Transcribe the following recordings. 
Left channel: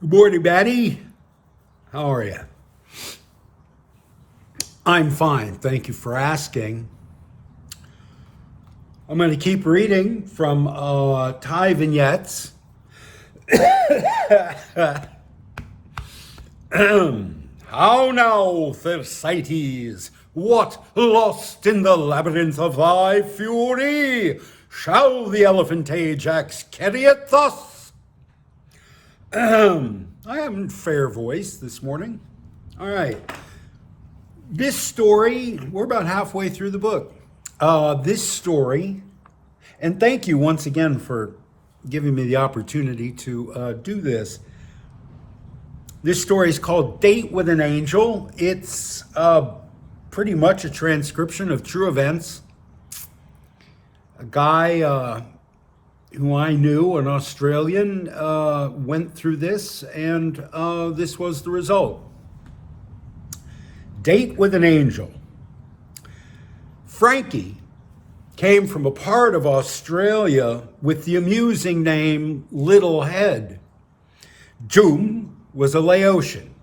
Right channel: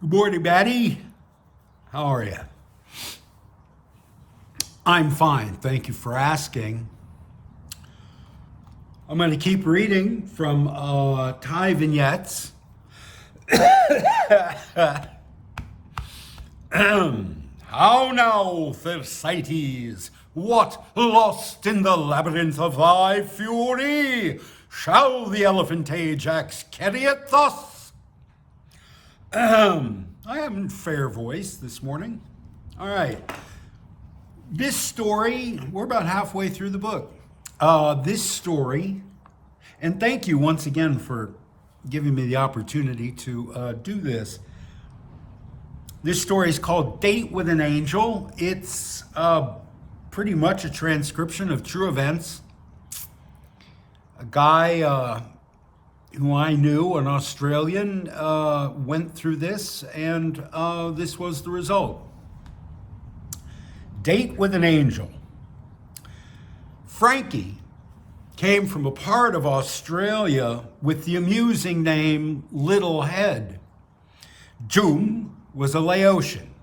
Good morning, Maddie. How are you? I'm fine. Thank you for asking. I'm going to keep reading from Thai Vignettes. How now, Thersites? What, lost in the labyrinth of thy fury? Shall the elephant Ajax carry it thus? I haven't fair voice this morning. All right. This story, we're about halfway through the book. This story, and thank you once again for giving me the opportunity to do this. This story is called Date with an Angel. It's pretty much a transcription of true events. A guy who I knew, an Australian, went through this, and this was the result. Date with an Angel. Frankie came from a part of Australia with the amusing name Little Head. Joom was a Laotian,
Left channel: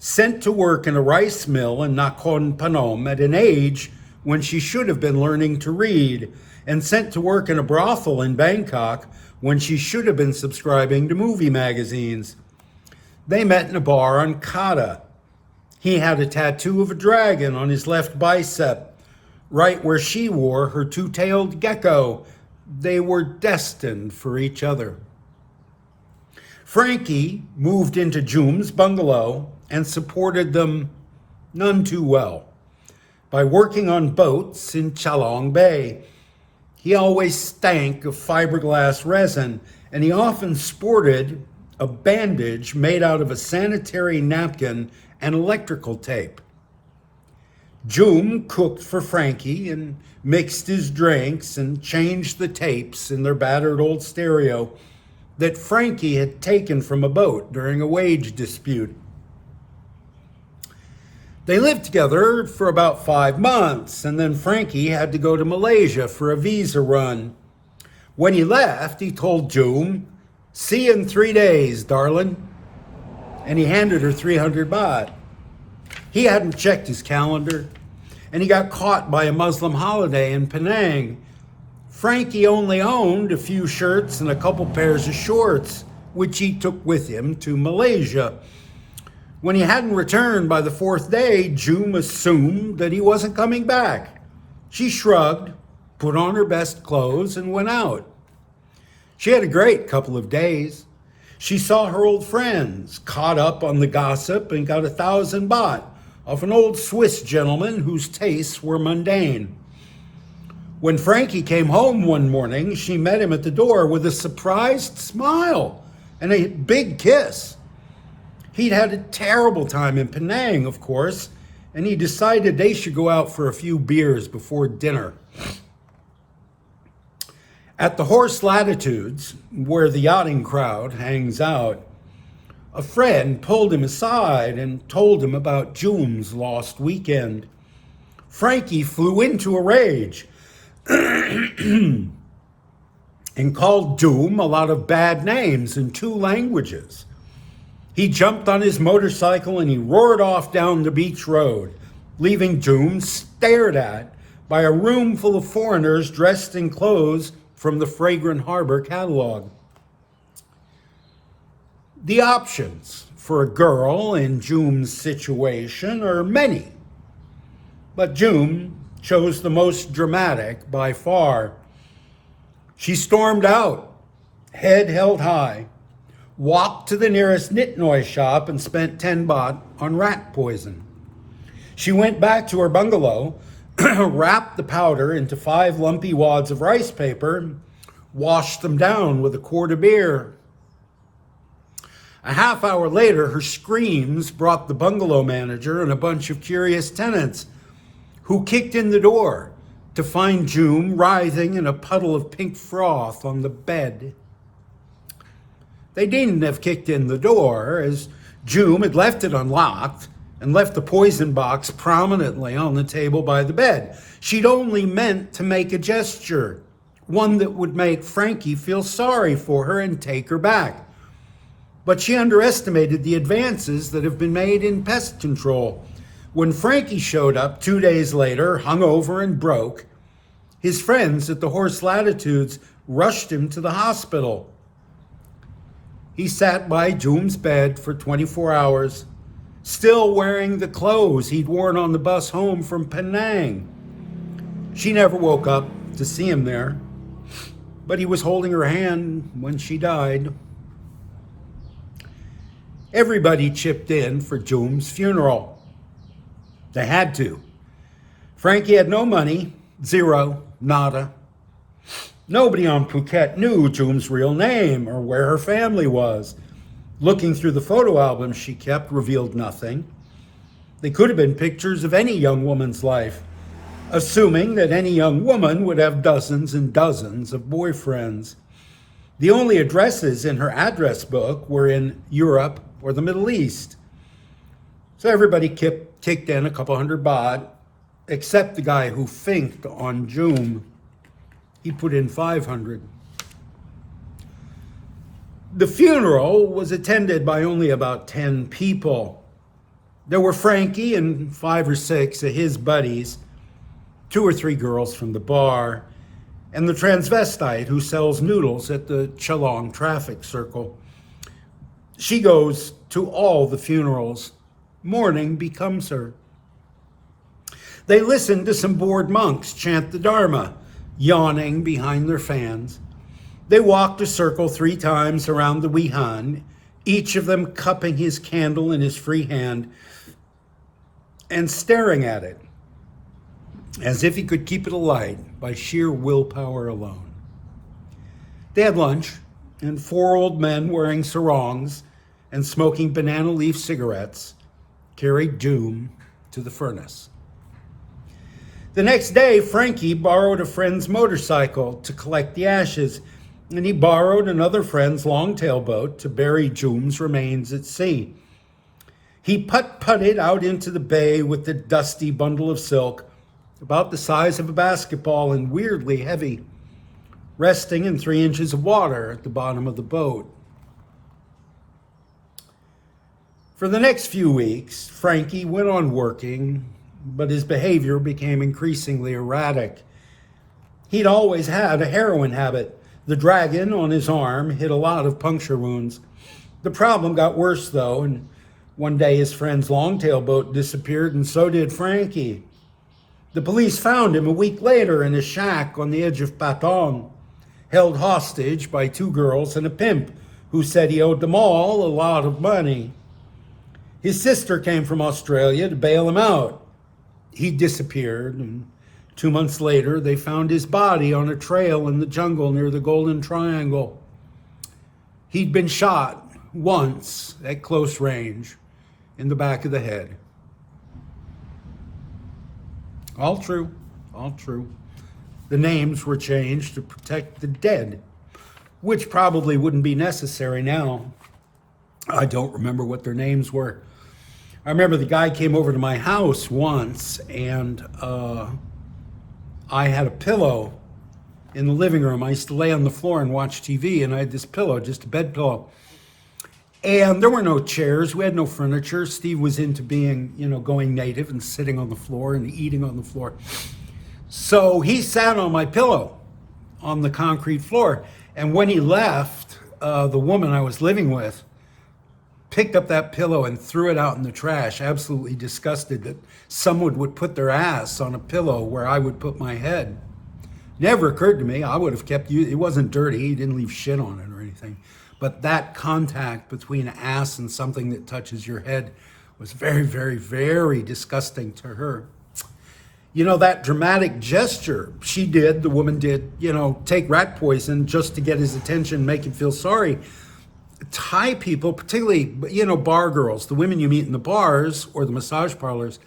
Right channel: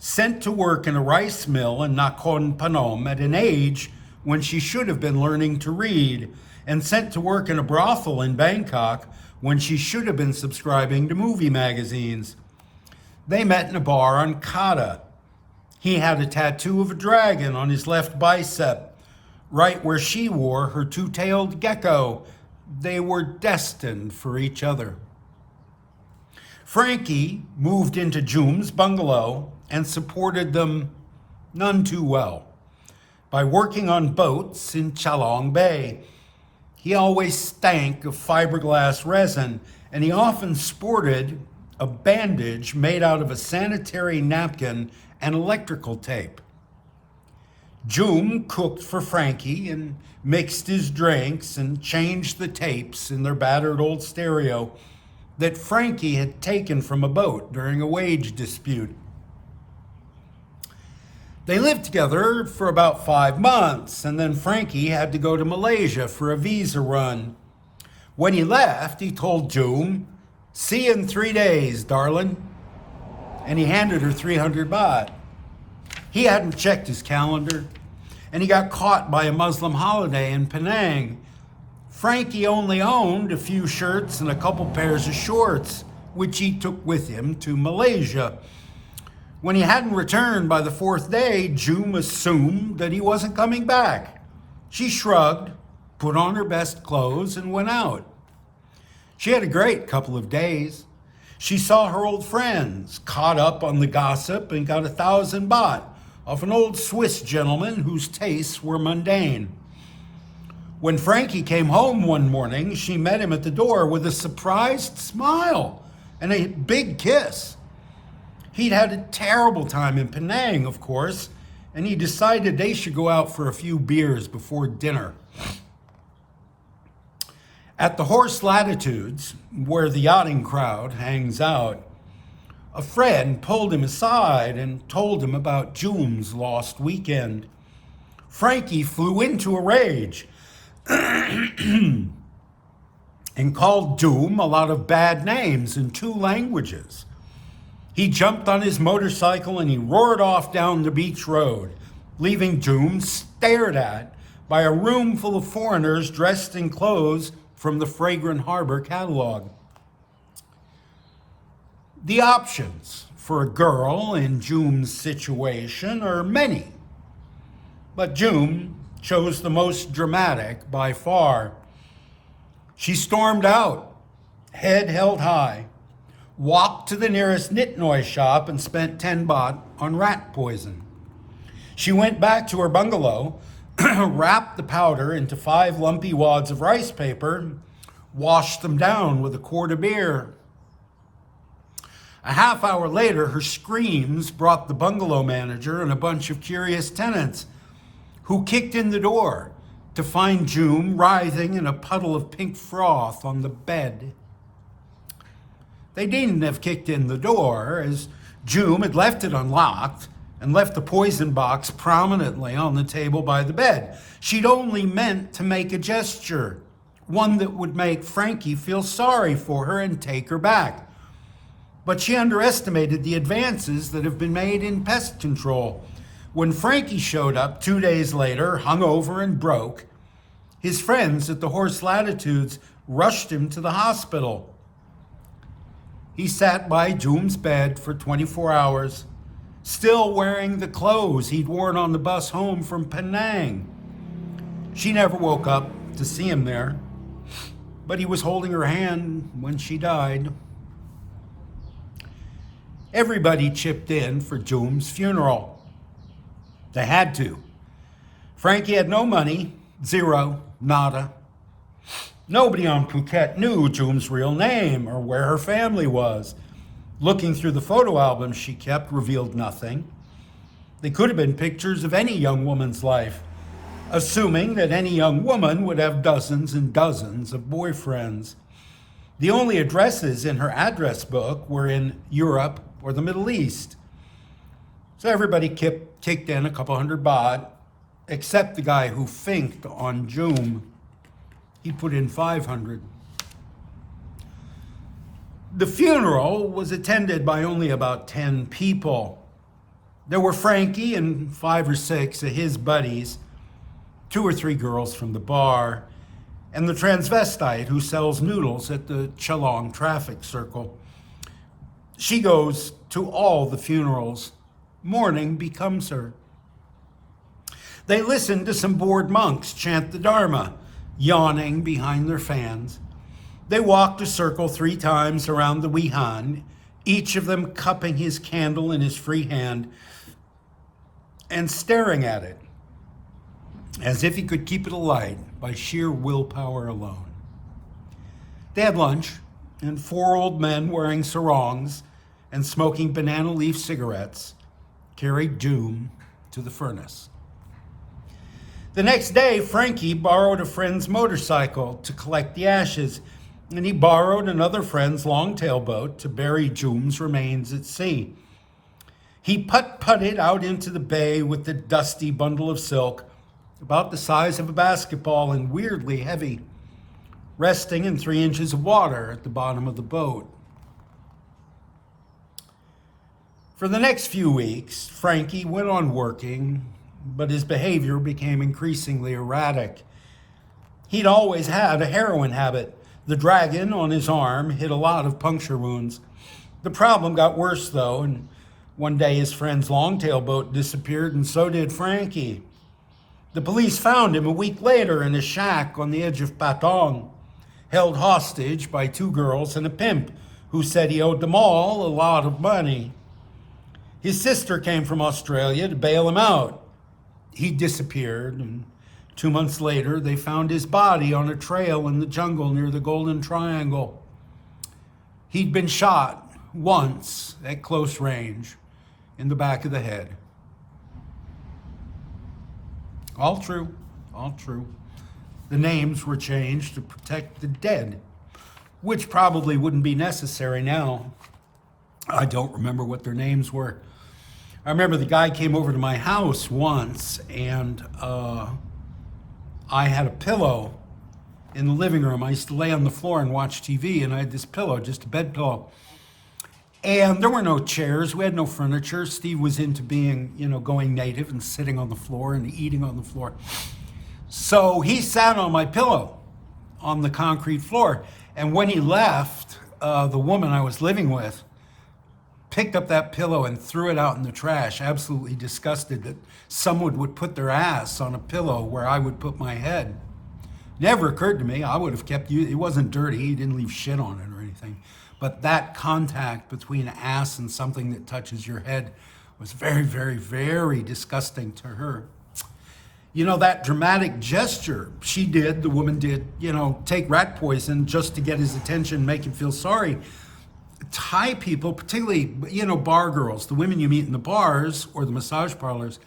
sent to work in a rice mill in Nakhon Phanom at an age when she should have been learning to read, and sent to work in a brothel in Bangkok when she should have been subscribing to movie magazines. They met in a bar on Kata. He had a tattoo of a dragon on his left bicep, right where she wore her two-tailed gecko. They were destined for each other. Frankie moved into Joom's bungalow and supported them none too well by working on boats in Chalong Bay. He always stank of fiberglass resin, and he often sported a bandage made out of a sanitary napkin and electrical tape. Joom cooked for Frankie and mixed his drinks and changed the tapes in their battered old stereo that Frankie had taken from a boat during a wage dispute. They lived together for about 5 months, and then Frankie had to go to Malaysia for a visa run. When he left, he told Joom, "See you in 3 days, darling." And he handed her 300 baht. He hadn't checked his calendar, and he got caught by a Muslim holiday in Penang. Frankie only owned a few shirts and a couple pairs of shorts, which he took with him to Malaysia. When he hadn't returned by the 4th day, Joom assumed that he wasn't coming back. She shrugged, put on her best clothes, and went out. She had a great couple of days. She saw her old friends, caught up on the gossip, and got 1,000 baht off an old Swiss gentleman whose tastes were mundane. When Frankie came home one morning, she met him at the door with a surprised smile and a big kiss. He'd had a terrible time in Penang, of course, and he decided they should go out for a few beers before dinner. At the Horse Latitudes, where the yachting crowd hangs out, a friend pulled him aside and told him about Joom's lost weekend. Frankie flew into a rage and called Joom a lot of bad names in 2 languages. He jumped on his motorcycle and he roared off down the beach road, leaving Joom stared at by a room full of foreigners dressed in clothes from the Fragrant Harbor catalog. The options for a girl in Joom's situation are many, but Joom chose the most dramatic by far. She stormed out, head held high, walked to the nearest Nitnoy shop and spent 10 baht on rat poison. She went back to her bungalow, wrapped the powder into 5 lumpy wads of rice paper, washed them down with a quart of beer. A half hour later, her screams brought the bungalow manager and a bunch of curious tenants who kicked in the door to find Joom writhing in a puddle of pink froth on the bed. They needn't have kicked in the door, as Joom had left it unlocked and left the poison box prominently on the table by the bed. She'd only meant to make a gesture, one that would make Frankie feel sorry for her and take her back. But she underestimated the advances that have been made in pest control. When Frankie showed up 2 days later, hungover and broke, his friends at the Horse Latitudes rushed him to the hospital. He sat by Joom's bed for 24 hours, still wearing the clothes he'd worn on the bus home from Penang. She never woke up to see him there, but he was holding her hand when she died. Everybody chipped in for Joom's funeral. They had to. Frankie had no money, zero, nada. Nobody on Phuket knew Joom's real name or where her family was. Looking through the photo albums she kept revealed nothing. They could have been pictures of any young woman's life, assuming that any young woman would have dozens and dozens of boyfriends. The only addresses in her address book were in Europe or the Middle East. So everybody kicked in a couple hundred baht, except the guy who finked on Joom. He put in 500. The funeral was attended by only about 10 people. There were Frankie and 5 or 6 of his buddies, 2 or 3 girls from the bar, and the transvestite who sells noodles at the Chalong traffic circle. She goes to all the funerals. Mourning becomes her. They listen to some bored monks chant the Dharma, yawning behind their fans. They walked a circle 3 times around the Wihan, each of them cupping his candle in his free hand and staring at it as if he could keep it alight by sheer willpower alone. They had lunch, and 4 old men wearing sarongs and smoking banana leaf cigarettes carried Joom to the furnace. The next day, Frankie borrowed a friend's motorcycle to collect the ashes, and he borrowed another friend's longtail boat to bury Joom's remains at sea. He putt-putted out into the bay with the dusty bundle of silk, about the size of a basketball and weirdly heavy, resting in 3 inches of water at the bottom of the boat. For the next few weeks, Frankie went on working, but his behavior became increasingly erratic. He'd always had a heroin habit. The dragon on his arm hid a lot of puncture wounds. The problem got worse, though, and one day his friend's longtail boat disappeared, and so did Frankie. The police found him a week later in a shack on the edge of Patong, held hostage by 2 girls and a pimp who said he owed them all a lot of money. His sister came from Australia to bail him out. He disappeared, and 2 months later, they found his body on a trail in the jungle near the Golden Triangle. He'd been shot once at close range in the back of the head. All true, all true. The names were changed to protect the dead, which probably wouldn't be necessary now. I don't remember what their names were. I remember the guy came over to my house once, and I had a pillow in the living room. I used to lay on the floor and watch TV, and I had this pillow, just a bed pillow. And there were no chairs. We had no furniture. Steve was into being, going native and sitting on the floor and eating on the floor. So he sat on my pillow on the concrete floor. And when he left, the woman I was living with picked up that pillow and threw it out in the trash, absolutely disgusted that someone would put their ass on a pillow where I would put my head. Never occurred to me. I would have kept it. It wasn't dirty. He didn't leave shit on it or anything. But that contact between ass and something that touches your head was very, very, very disgusting to her. That dramatic gesture she did, the woman did, take rat poison just to get his attention, make him feel sorry. Thai people, particularly, bar girls, the women you meet in the bars or the massage parlors,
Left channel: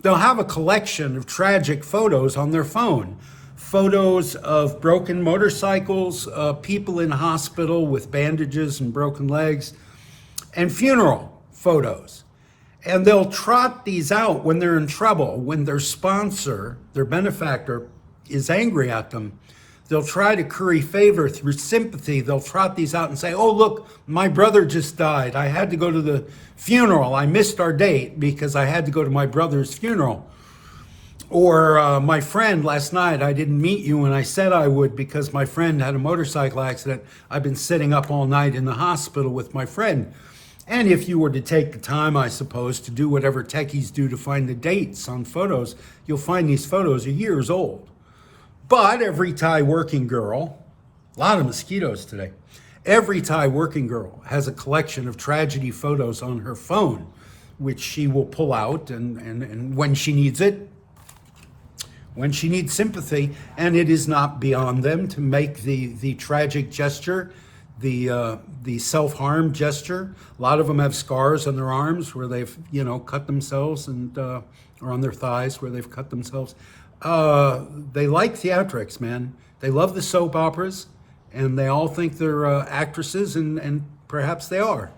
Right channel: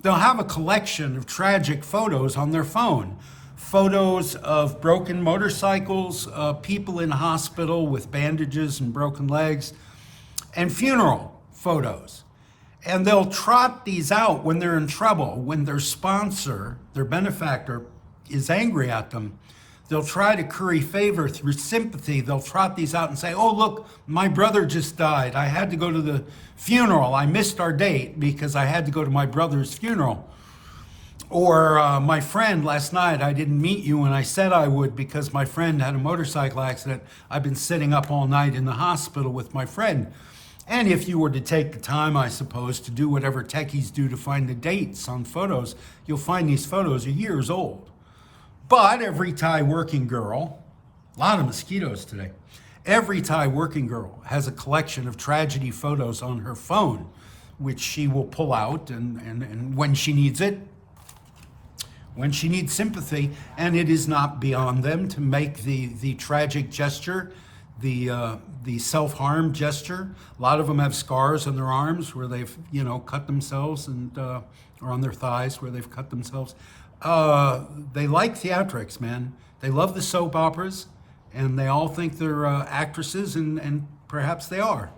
they'll have a collection of tragic photos on their phone. Photos of broken motorcycles, people in hospital with bandages and broken legs, and funeral photos. And they'll trot these out when they're in trouble, when their sponsor, their benefactor, is angry at them. they'll try to curry favor through sympathy. They'll trot these out and say, oh, look, my brother just died. I had to go to the funeral. I missed our date because I had to go to my brother's funeral. Or my friend last night, I didn't meet you when I said I would because my friend had a motorcycle accident. I've been sitting up all night in the hospital with my friend. And if you were to take the time, I suppose, to do whatever techies do to find the dates on photos, you'll find these photos are years old. But every Thai working girl, a lot of mosquitoes today, every Thai working girl has a collection of tragedy photos on her phone, which she will pull out and when she needs it, when she needs sympathy, and it is not beyond them to make the tragic gesture, the self-harm gesture. A lot of them have scars on their arms where they've, cut themselves, and or on their thighs where they've cut themselves. They like theatrics, man. They love the soap operas, and they all think they're actresses, and perhaps they are.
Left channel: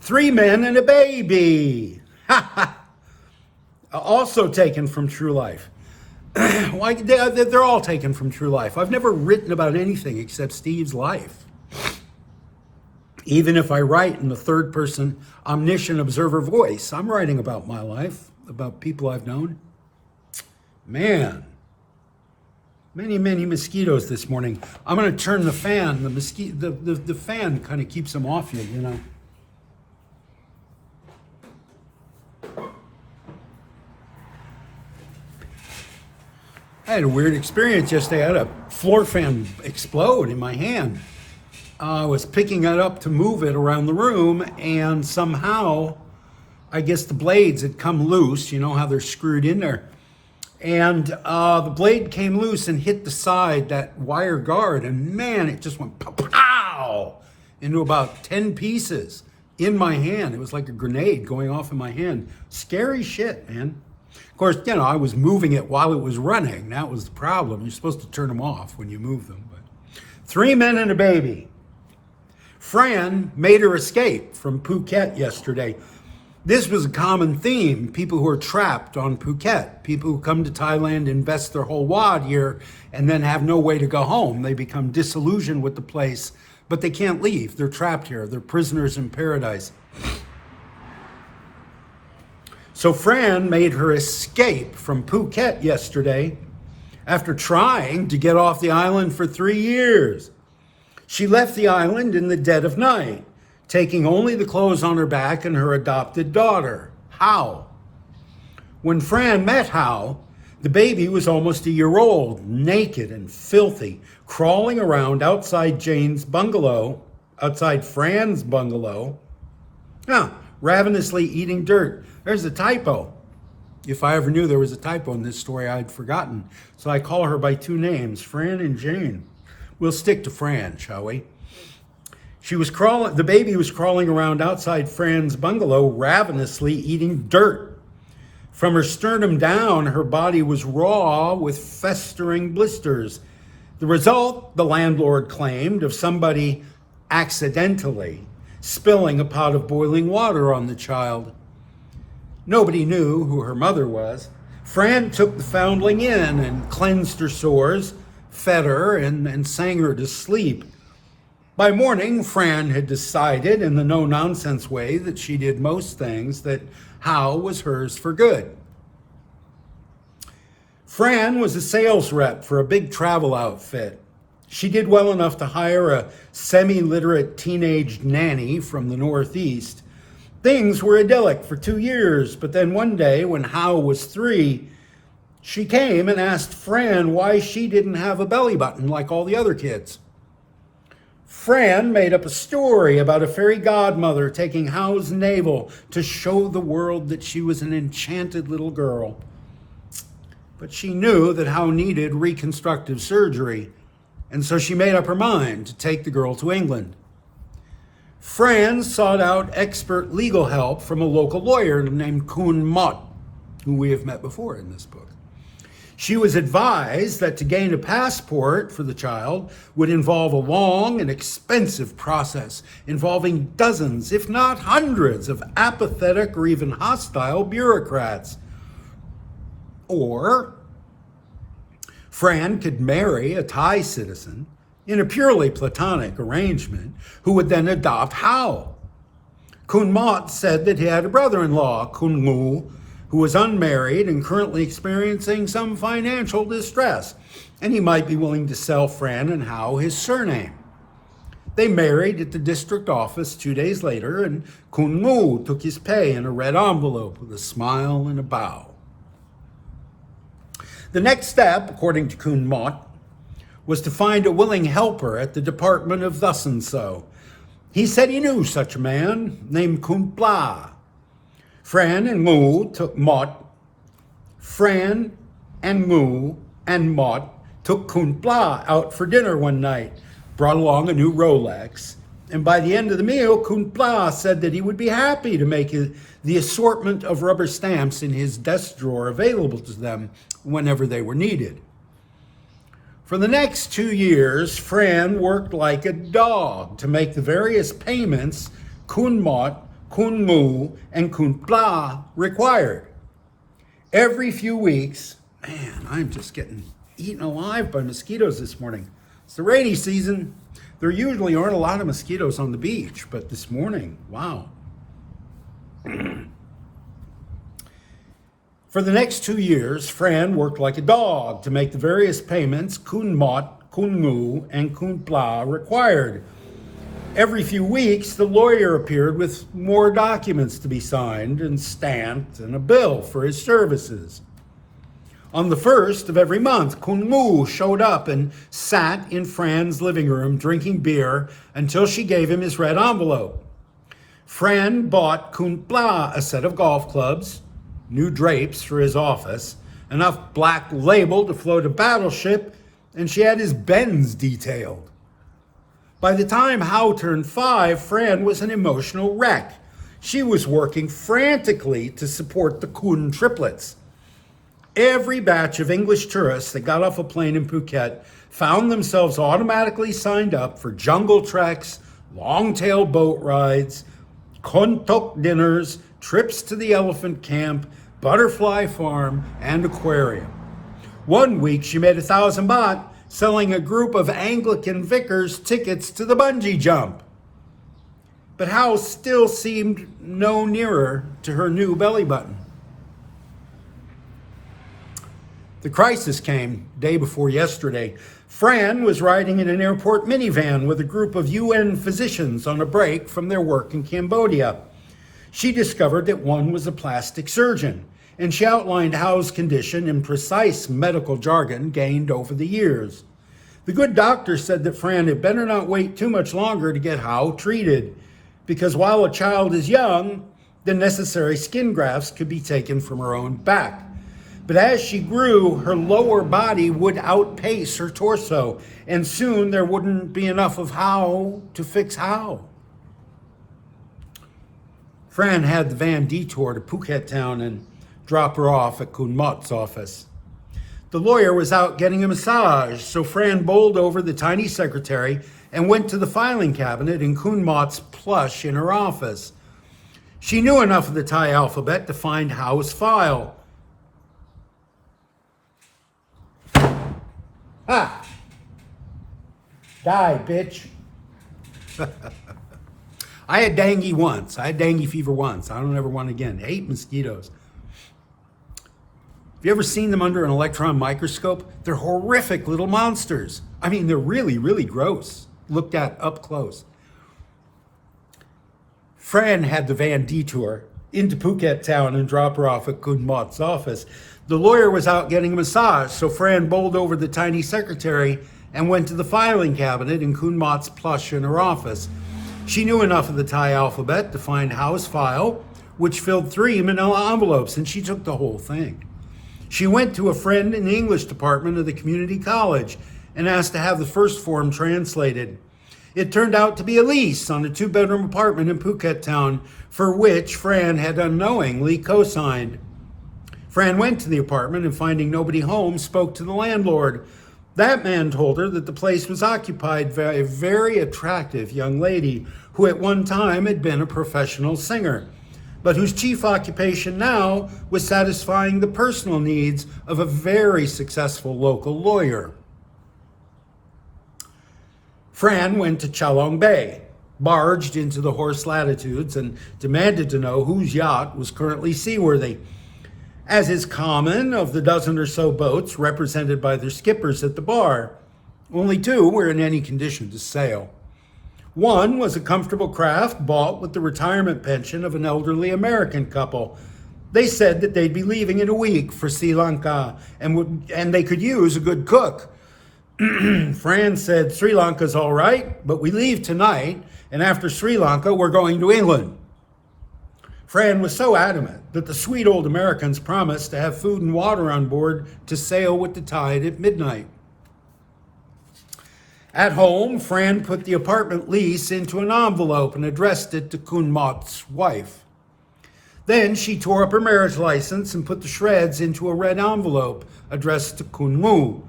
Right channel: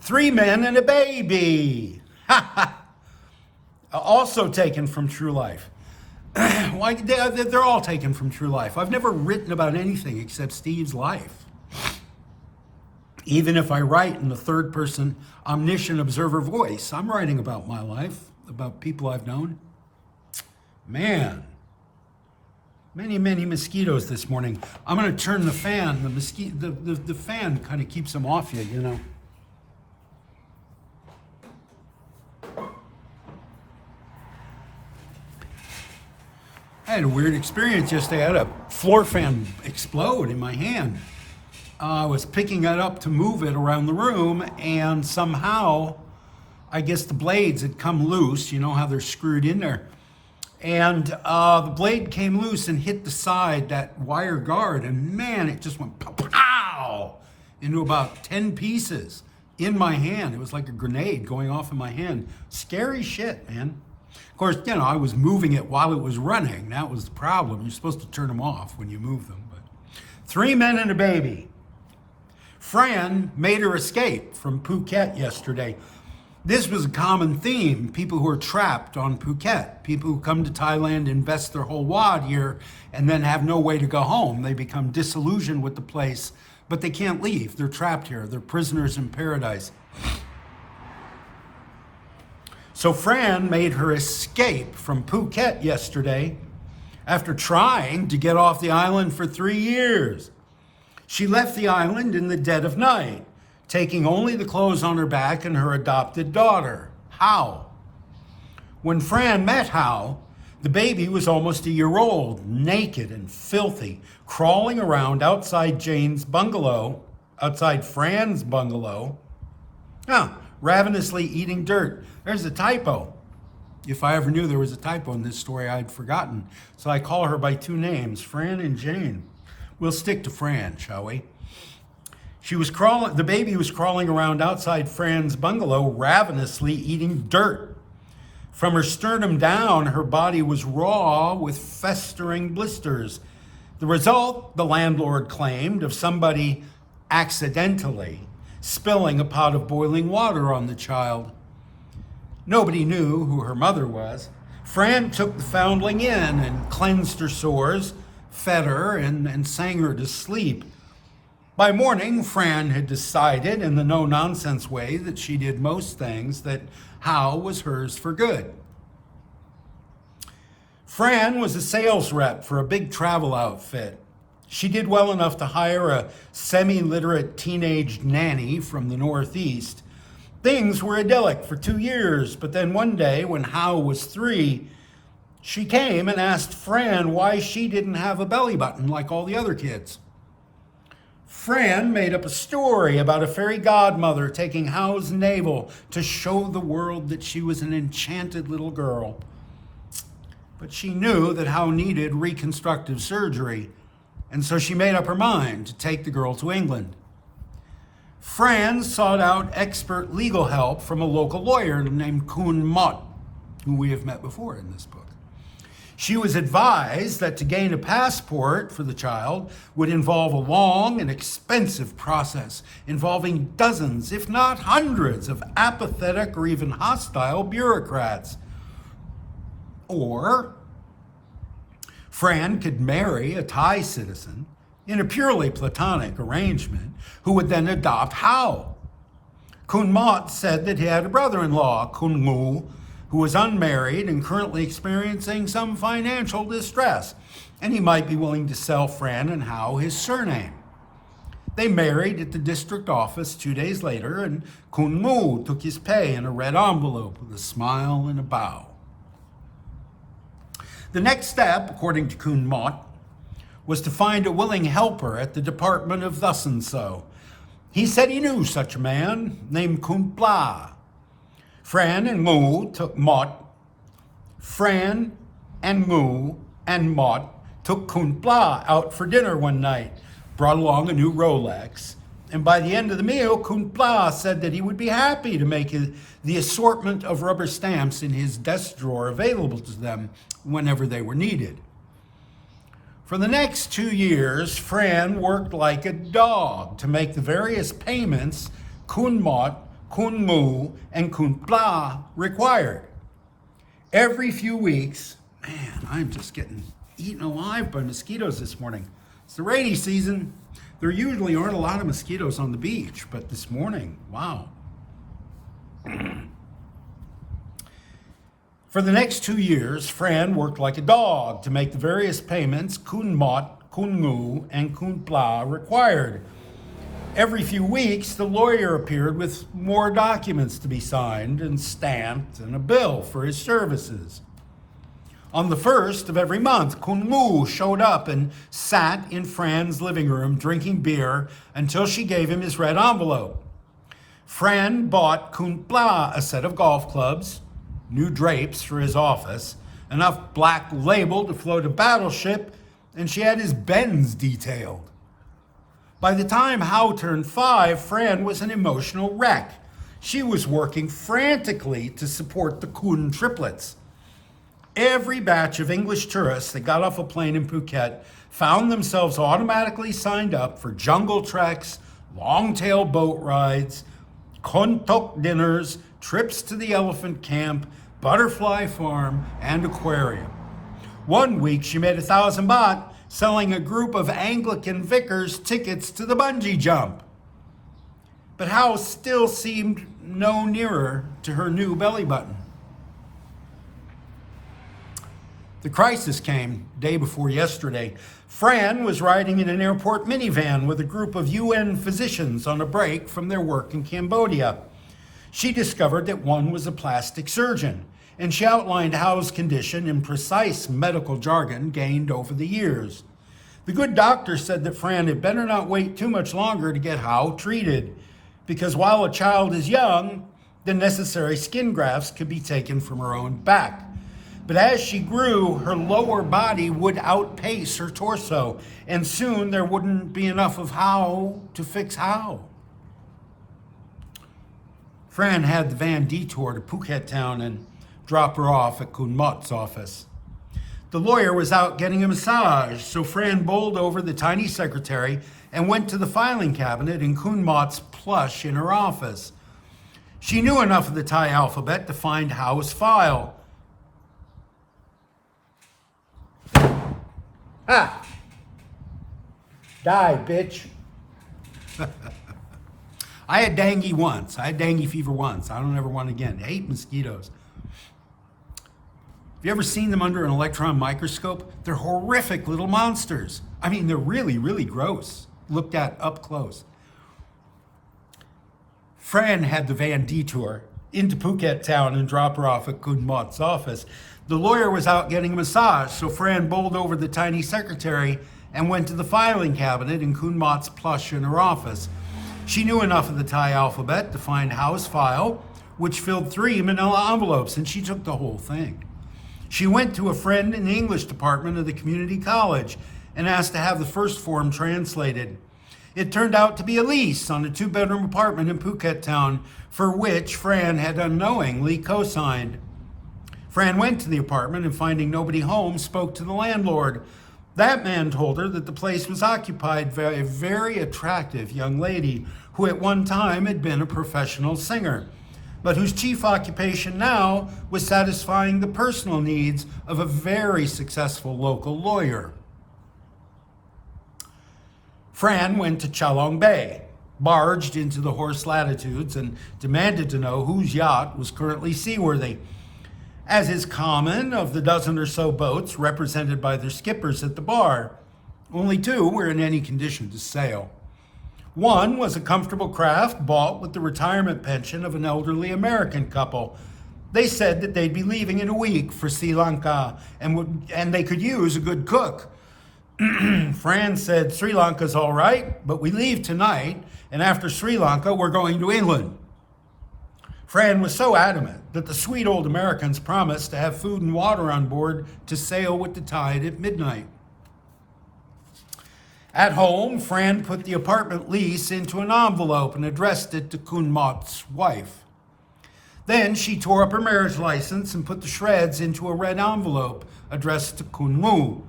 3 men and a baby. Also taken from true life. Why, they're all taken from true life. I've never written about anything except Steve's life. Even if I write in the third person omniscient observer voice, I'm writing about my life, about people I've known. Man, many mosquitoes this morning. I'm going to turn the fan. The fan kind of keeps them off you, I had a weird experience yesterday. I had a floor fan explode in my hand. I was picking it up to move it around the room, and somehow, I guess the blades had come loose. You know how they're screwed in there. And the blade came loose and hit the side, that wire guard, and man, it just went pow into about 10 pieces in my hand. It was like a grenade going off in my hand. Scary shit, man. Of course, I was moving it while it was running. That was the problem. You're supposed to turn them off when you move them. But 3 men and a baby. Fran made her escape from Phuket yesterday. This was a common theme. People who are trapped on Phuket. People who come to Thailand, invest their whole wad here, and then have no way to go home. They become disillusioned with the place, but they can't leave. They're trapped here. They're prisoners in paradise. So Fran made her escape from Phuket yesterday after trying to get off the island for 3 years. She left the island in the dead of night, taking only the clothes on her back and her adopted daughter, Howal. When Fran met Howal, the baby was almost a year old, naked and filthy, crawling around outside Fran's bungalow, ravenously eating dirt. There's a typo. If I ever knew there was a typo in this story, I'd forgotten. So I call her by 2 names, Fran and Jane. We'll stick to Fran, shall we? The baby was crawling around outside Fran's bungalow, ravenously eating dirt. From her sternum down, her body was raw with festering blisters. The result, the landlord claimed, of somebody accidentally spilling a pot of boiling water on the child. Nobody knew who her mother was. Fran took the foundling in and cleansed her sores, fed her, and sang her to sleep. By morning, Fran had decided, in the no-nonsense way that she did most things, that Howal was hers for good. Fran was a sales rep for a big travel outfit. She did well enough to hire a semi-literate teenage nanny from the Northeast. Things were idyllic for 2 years, but then one day when Howal was 3, she came and asked Fran why she didn't have a belly button like all the other kids. Fran made up a story about a fairy godmother taking Howal's navel to show the world that she was an enchanted little girl. But she knew that Howal needed reconstructive surgery, and so she made up her mind to take the girl to England. Fran sought out expert legal help from a local lawyer named Kun Mott, who we have met before in this book. She was advised that to gain a passport for the child would involve a long and expensive process involving dozens, if not hundreds, of apathetic or even hostile bureaucrats. Or Fran could marry a Thai citizen in a purely platonic arrangement who would then adopt Howal. Kun Mot said that he had a brother-in-law, Kun Ngu, who was unmarried and currently experiencing some financial distress, and he might be willing to sell Fran and Howal his surname. They married at the district office 2 days later, and Kun Ngu took his pay in a red envelope with a smile and a bow. The next step, according to Kun Mot, was to find a willing helper at the Department of Thus and So. He said he knew such a man named Kun Pla. Fran and Ngu and Mot took Kun Pla out for dinner one night, brought along a new Rolex, and by the end of the meal, Kun Pla said that he would be happy to make the assortment of rubber stamps in his desk drawer available to them whenever they were needed. For the next 2 years, Fran worked like a dog to make the various payments Kun Mot, Kun Ngu, and Kun Pla required. Every few weeks, man, I'm just getting eaten alive by mosquitoes this morning. It's the rainy season. There usually aren't a lot of mosquitoes on the beach, but this morning, wow. For the next 2 years, Fran worked like a dog to make the various payments Kun Mot, Kun Ngu, and Kun Pla required. Every few weeks, the lawyer appeared with more documents to be signed and stamped and a bill for his services. On the first of every month, Kun Ngu showed up and sat in Fran's living room drinking beer until she gave him his red envelope. Fran bought Kun Pla a set of golf clubs, new drapes for his office, enough black label to float a battleship, and she had his Benz detailed. By the time Howal turned 5, Fran was an emotional wreck. She was working frantically to support the Kun triplets. Every batch of English tourists that got off a plane in Phuket found themselves automatically signed up for jungle treks, long-tail boat rides, kontok dinners, trips to the elephant camp, butterfly farm, and aquarium. One week she made 1,000 baht selling a group of Anglican vicars tickets to the bungee jump. But Howal still seemed no nearer to her new belly button. The crisis came day before yesterday. Fran was riding in an airport minivan with a group of UN physicians on a break from their work in Cambodia. She discovered that one was a plastic surgeon, and she outlined Howal's condition in precise medical jargon gained over the years. The good doctor said that Fran had better not wait too much longer to get Howal treated, because while a child is young, the necessary skin grafts could be taken from her own back. But as she grew, her lower body would outpace her torso, and soon there wouldn't be enough of Howal to fix Howal. Fran had the van detour to Phuket town and drop her off at Kun Mot's office. The lawyer was out getting a massage, so Fran bowled over the tiny secretary and went to the filing cabinet in Kun Mot's plush in her office. She knew enough of the Thai alphabet to find Howal's file. Ah! Die, bitch. I had dengue once. I had dengue fever once. I don't ever want again. I hate mosquitoes. Have you ever seen them under an electron microscope? They're horrific little monsters. I mean, they're really, really gross, looked at up close. Fran had the van detour into Phuket town and drop her off at Kun Mot's office. The lawyer was out getting a massage, so Fran bowled over the tiny secretary and went to the filing cabinet in Kun Mot's plush in her office. She knew enough of the Thai alphabet to find Howal's file, which filled 3 manila envelopes, and she took the whole thing. She went to a friend in the English department of the community college and asked to have the first form translated. It turned out to be a lease on a 2-bedroom apartment in Phuket town, for which Fran had unknowingly co-signed. Fran went to the apartment and, finding nobody home, spoke to the landlord. That man told her that the place was occupied by a very attractive young lady who at one time had been a professional singer. but whose chief occupation now was satisfying the personal needs of a very successful local lawyer. Fran went to Chalong Bay, barged into the Horse Latitudes, and demanded to know whose yacht was currently seaworthy. As is common of the dozen or so boats represented by their skippers at the bar, only two were in any condition to sail. One was a comfortable craft bought with the retirement pension of an elderly American couple. They said that they'd be leaving in a week for Sri Lanka and they could use a good cook. Fran said, Sri Lanka's all right, but we leave tonight, and after Sri Lanka, we're going to England. Fran was so adamant that the sweet old Americans promised to have food and water on board to sail with the tide at midnight. At home, Fran put the apartment lease into an envelope and addressed it to Kun Mot's wife. Then she tore up her marriage license and put the shreds into a red envelope addressed to Kun Mu.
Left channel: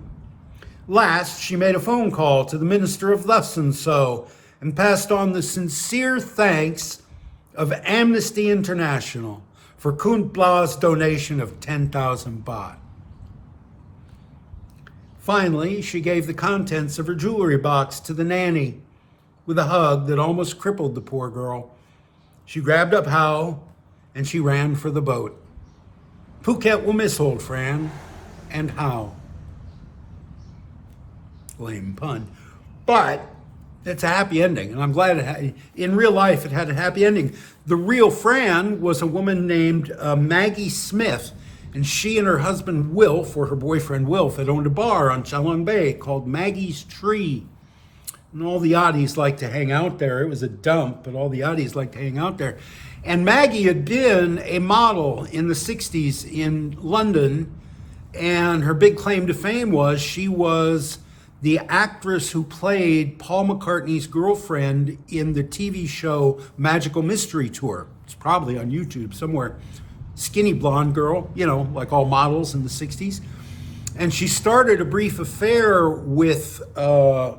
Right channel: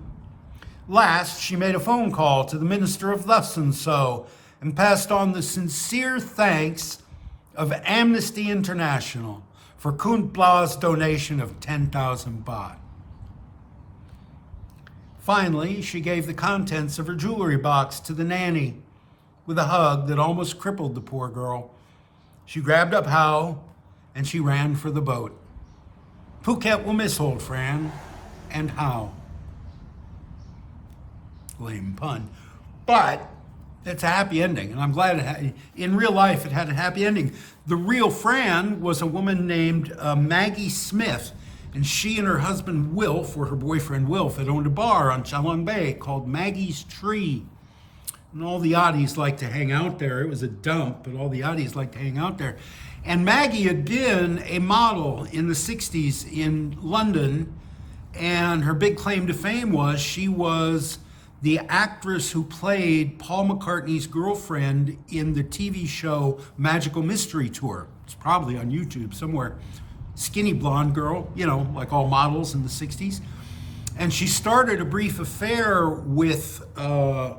Last, she made a phone call to the minister of thus and so and passed on the sincere thanks of Amnesty International for Kun Bla's donation of 10,000 baht. Finally, she gave the contents of her jewelry box to the nanny with a hug that almost crippled the poor girl. She grabbed up Howal and she ran for the boat. Phuket will miss old Fran and Howal. Lame pun. But it's a happy ending, and I'm glad in real life it had a happy ending. The real Fran was a woman named Maggie Smith, and she and her husband Wilf, or her boyfriend Wilf, had owned a bar on Chalong Bay called Maggie's Tree. And all the oddies liked to hang out there. It was a dump, but all the oddies liked to hang out there. And Maggie had been a model in the 60s in London, and her big claim to fame was she was the actress who played Paul McCartney's girlfriend in the TV show Magical Mystery Tour. It's probably on YouTube somewhere. Skinny blonde girl, you know, like all models in the 60s. And she started a brief affair with Paul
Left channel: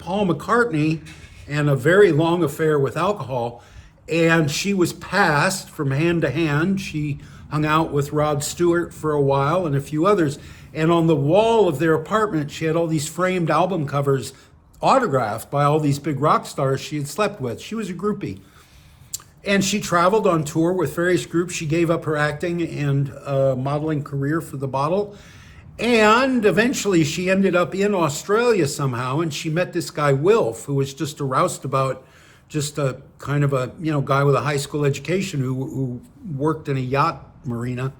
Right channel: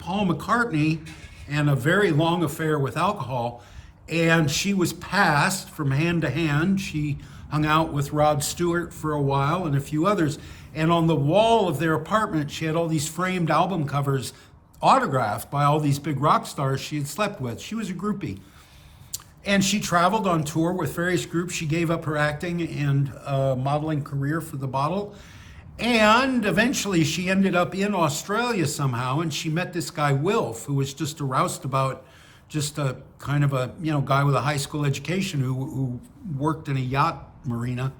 McCartney and a very long affair with alcohol. And she was passed from hand to hand. She hung out with Rod Stewart for a while and a few others. And on the wall of their apartment, she had all these framed album covers autographed by all these big rock stars she had slept with. She was a groupie. And she traveled on tour with various groups. She gave up her acting and modeling career for the bottle. And eventually she ended up in Australia somehow, and she met this guy, Wilf, who was just a roustabout, just a kind of a, guy with a high school education who worked in a yacht marina.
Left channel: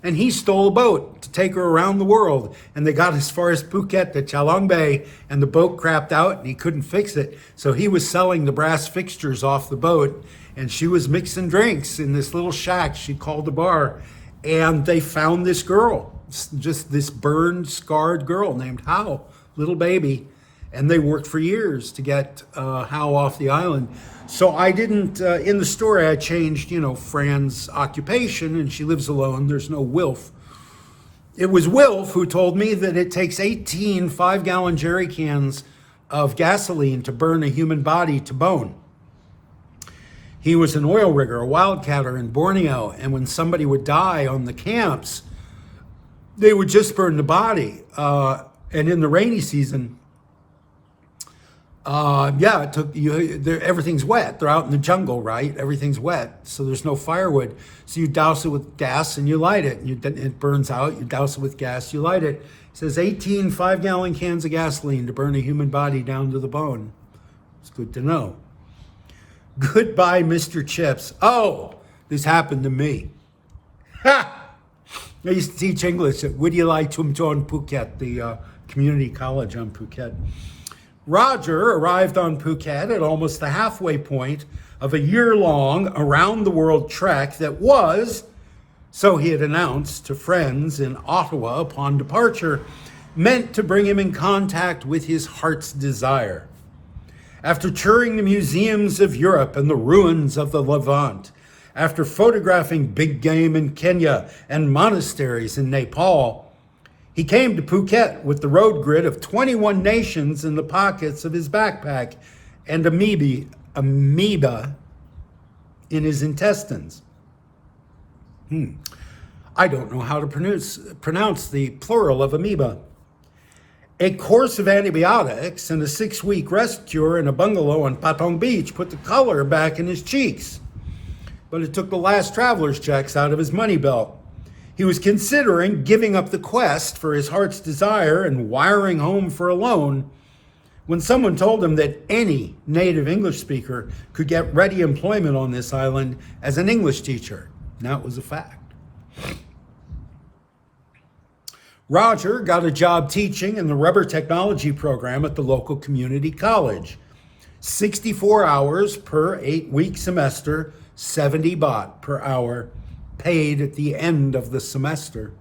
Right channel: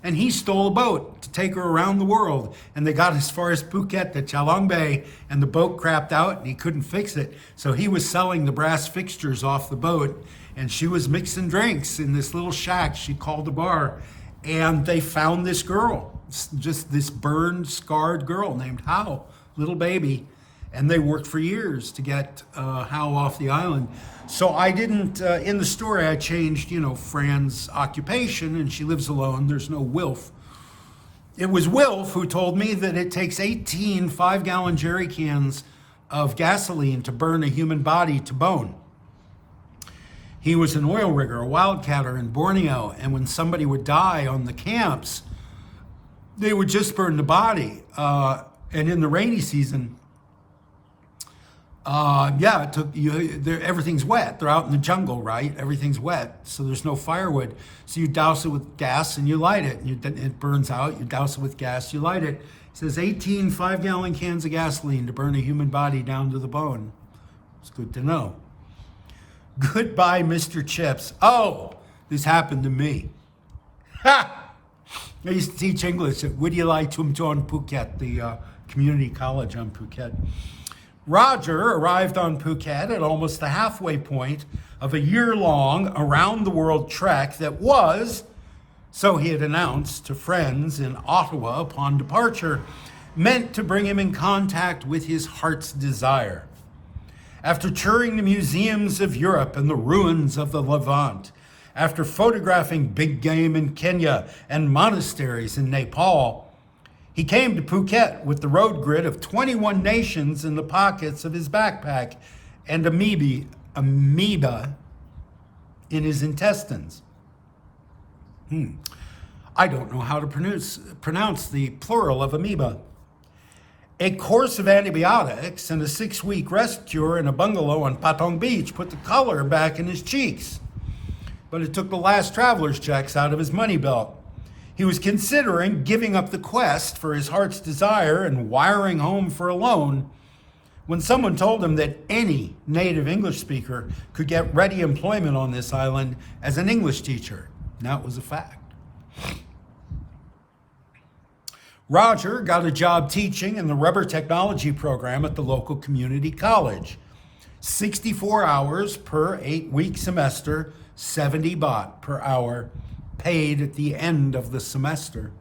And he stole a boat to take her around the world. And they got as far as Phuket to Chalong Bay, and the boat crapped out and he couldn't fix it. So he was selling the brass fixtures off the boat, and she was mixing drinks in this little shack she called a bar. And they found this girl, just this burned, scarred girl named Howal, little baby. And they worked for years to get Howal off the island. So I didn't, in the story, I changed, Fran's occupation, and she lives alone. There's no Wilf. It was Wilf who told me that it takes 18 5-gallon jerry cans of gasoline to burn a human body to bone. He was an oil rigger, a wildcatter in Borneo, and when somebody would die on the camps, they would just burn the body. And in the rainy season, it took everything's wet. They're out in the jungle, right? Everything's wet, so there's no firewood. So you douse it with gas and you light it, and it burns out. You douse it with gas, you light it. It says 18 5-gallon cans of gasoline to burn a human body down to the bone. It's good to know. Goodbye, Mr. Chips. Oh, this happened to me. Ha! I used to teach English at Widyalai Tumton Phuket, the community college on Phuket. Roger arrived on Phuket at almost the halfway point of a year-long around-the-world trek that was, so he had announced to friends in Ottawa upon departure, meant to bring him in contact with his heart's desire. After touring the museums of Europe and the ruins of the Levant, after photographing big game in Kenya and monasteries in Nepal, he came to Phuket with the road grid of 21 nations in the pockets of his backpack and amoeba in his intestines. I don't know how to pronounce the plural of amoeba. A course of antibiotics and a 6-week rest cure in a bungalow on Patong Beach put the color back in his cheeks. But it took the last traveler's checks out of his money belt. He was considering giving up the quest for his heart's desire and wiring home for a loan when someone told him that any native English speaker could get ready employment on this island as an English teacher. Now it was a fact. Roger got a job teaching in the rubber technology program at the local community college. 64 hours per 8-week semester, 70 baht per hour, paid at the end of the semester.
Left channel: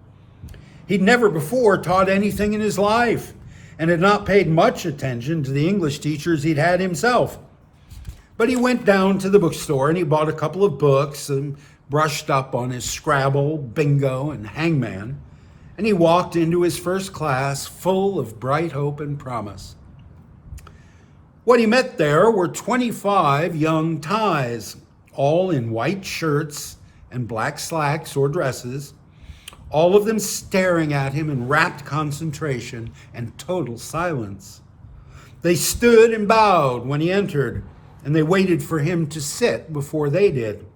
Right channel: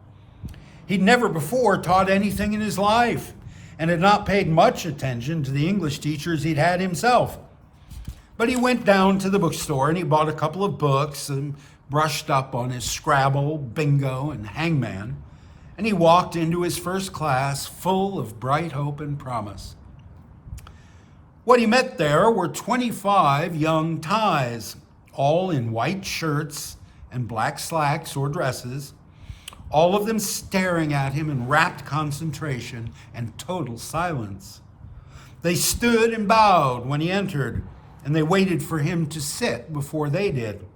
He'd never before taught anything in his life and had not paid much attention to the English teachers he'd had himself. But he went down to the bookstore and he bought a couple of books and brushed up on his Scrabble, Bingo, and Hangman. And he walked into his first class full of bright hope and promise. What he met there were 25 young Thais, all in white shirts and black slacks or dresses, all of them staring at him in rapt concentration and total silence. They stood and bowed when he entered, and they waited for him to sit before they did.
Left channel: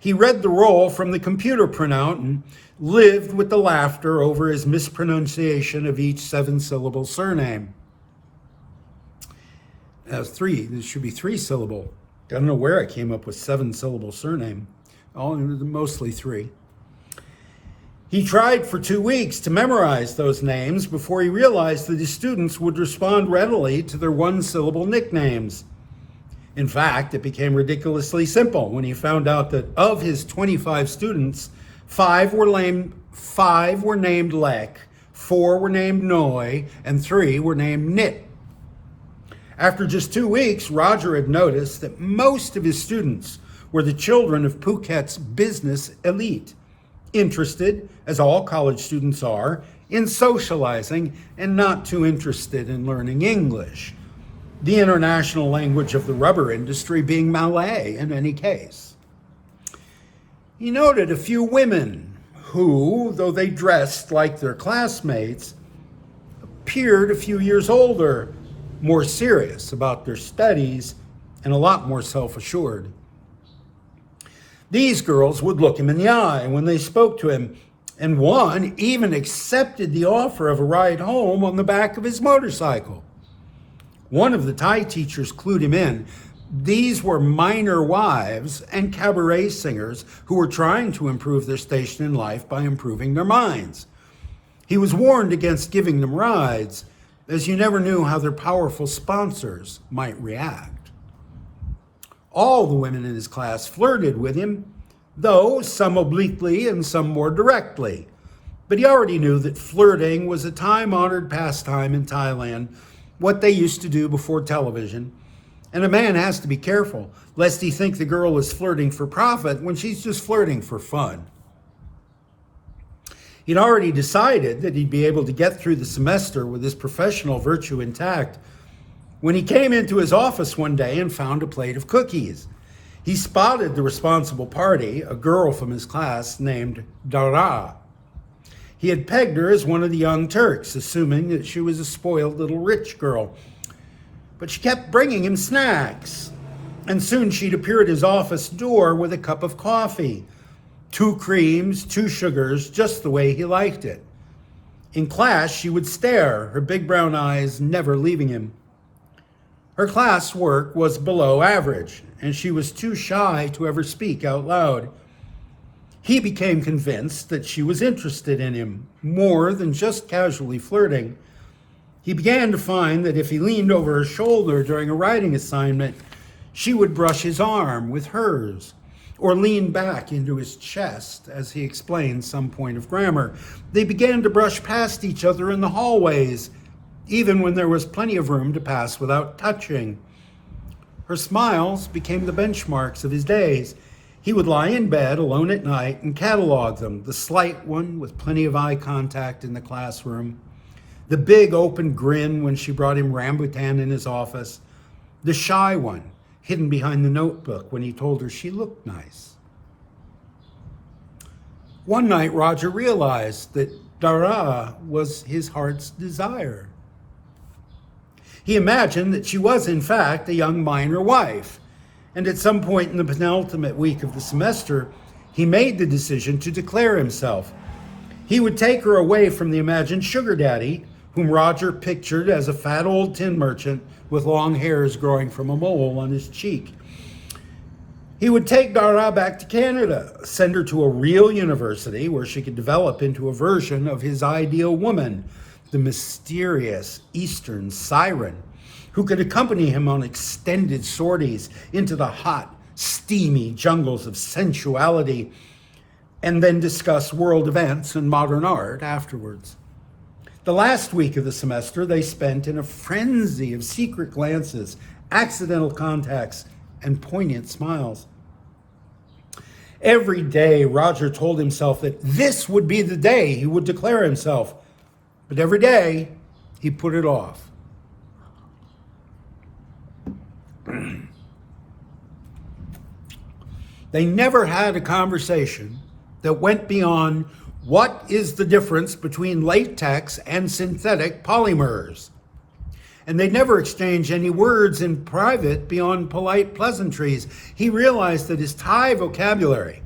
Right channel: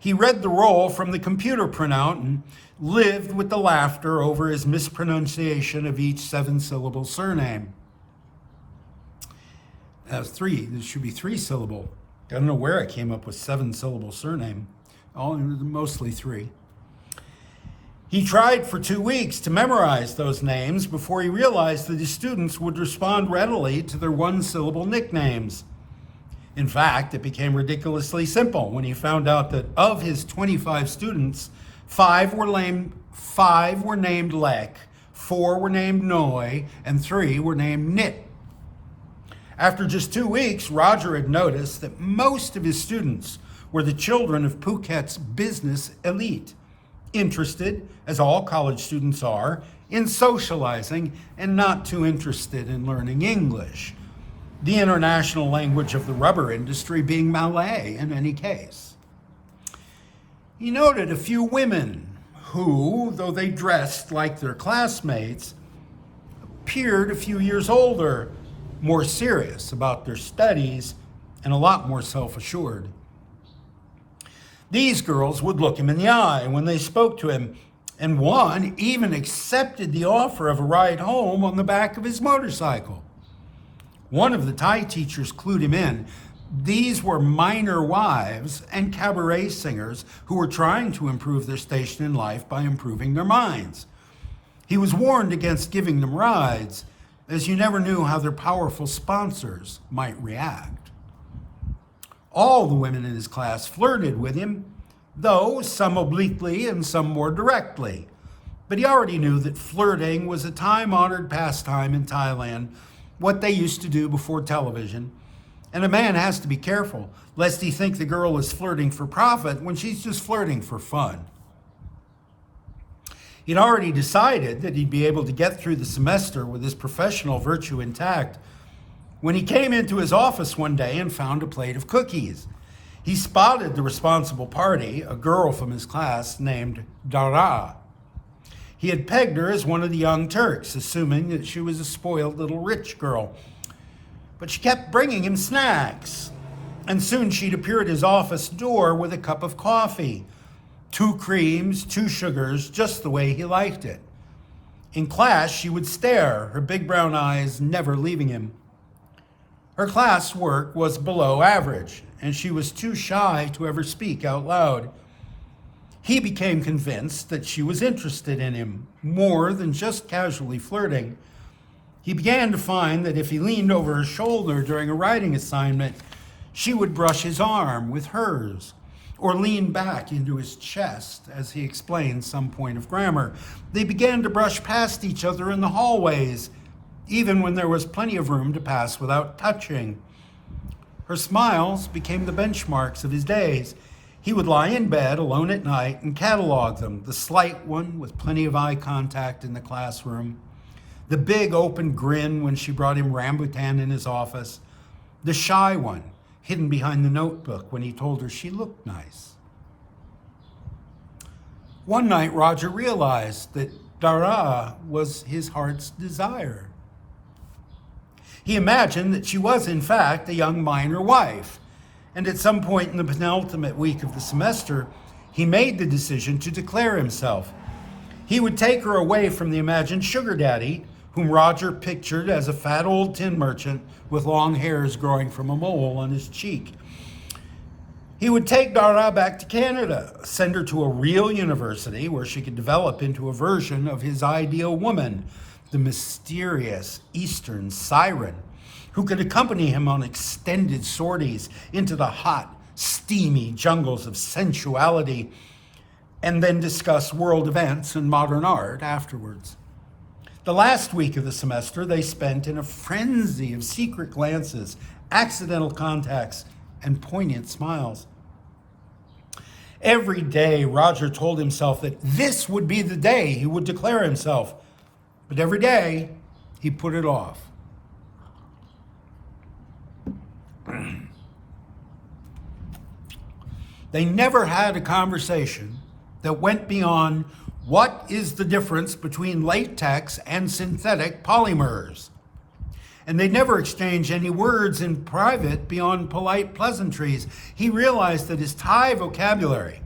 He read the roll from the computer printout and lived with the laughter over his mispronunciation of each 7-syllable surname. This should be 3-syllable. I don't know where I came up with 7-syllable surname. Mostly 3. He tried for 2 weeks to memorize those names before he realized that his students would respond readily to their 1-syllable nicknames. In fact, it became ridiculously simple when he found out that of his 25 students, 5 were named Lek, 4 were named Noi, and 3 were named Nit. After just 2 weeks, Roger had noticed that most of his students were the children of Phuket's business elite, interested, as all college students are, in socializing and not too interested in learning English, the international language of the rubber industry being Malay in any case. He noted a few women who, though they dressed like their classmates, appeared a few years older, more serious about their studies, and a lot more self-assured. These girls would look him in the eye when they spoke to him, and one even accepted the offer of a ride home on the back of his motorcycle. One of the Thai teachers clued him in. These were minor wives and cabaret singers who were trying to improve their station in life by improving their minds. He was warned against giving them rides, as you never knew how their powerful sponsors might react. All the women in his class flirted with him, though some obliquely and some more directly. But he already knew that flirting was a time-honored pastime in Thailand, what they used to do before television. And a man has to be careful, lest he think the girl is flirting for profit when she's just flirting for fun. He'd already decided that he'd be able to get through the semester with his professional virtue intact when he came into his office one day and found a plate of cookies. He spotted the responsible party, a girl from his class named Dara. He had pegged her as one of the young Turks, assuming that she was a spoiled little rich girl. But she kept bringing him snacks, and soon she'd appear at his office door with a cup of coffee, 2 creams, 2 sugars, just the way he liked it. In class, she would stare, her big brown eyes never leaving him. Her class work was below average, and she was too shy to ever speak out loud. He became convinced that she was interested in him, more than just casually flirting. He began to find that if he leaned over her shoulder during a writing assignment, she would brush his arm with hers, or lean back into his chest as he explained some point of grammar. They began to brush past each other in the hallways, even when there was plenty of room to pass without touching. Her smiles became the benchmarks of his days. He would lie in bed alone at night and catalog them, the slight one with plenty of eye contact in the classroom, the big open grin when she brought him rambutan in his office, the shy one hidden behind the notebook when he told her she looked nice. One night, Roger realized that Dara was his heart's desire. He imagined that she was, in fact, a young miner wife, and at some point in the penultimate week of the semester, he made the decision to declare himself. He would take her away from the imagined sugar daddy, whom Roger pictured as a fat old tin merchant with long hairs growing from a mole on his cheek. He would take Dara back to Canada, send her to a real university where she could develop into a version of his ideal woman, the mysterious Eastern siren, who could accompany him on extended sorties into the hot, steamy jungles of sensuality, and then discuss world events and modern art afterwards. The last week of the semester they spent in a frenzy of secret glances, accidental contacts, and poignant smiles. Every day, Roger told himself that this would be the day he would declare himself, but every day he put it off. They never had a conversation that went beyond what is the difference between latex and synthetic polymers. And they never exchanged any words in private beyond polite pleasantries. He realized that his Thai vocabulary,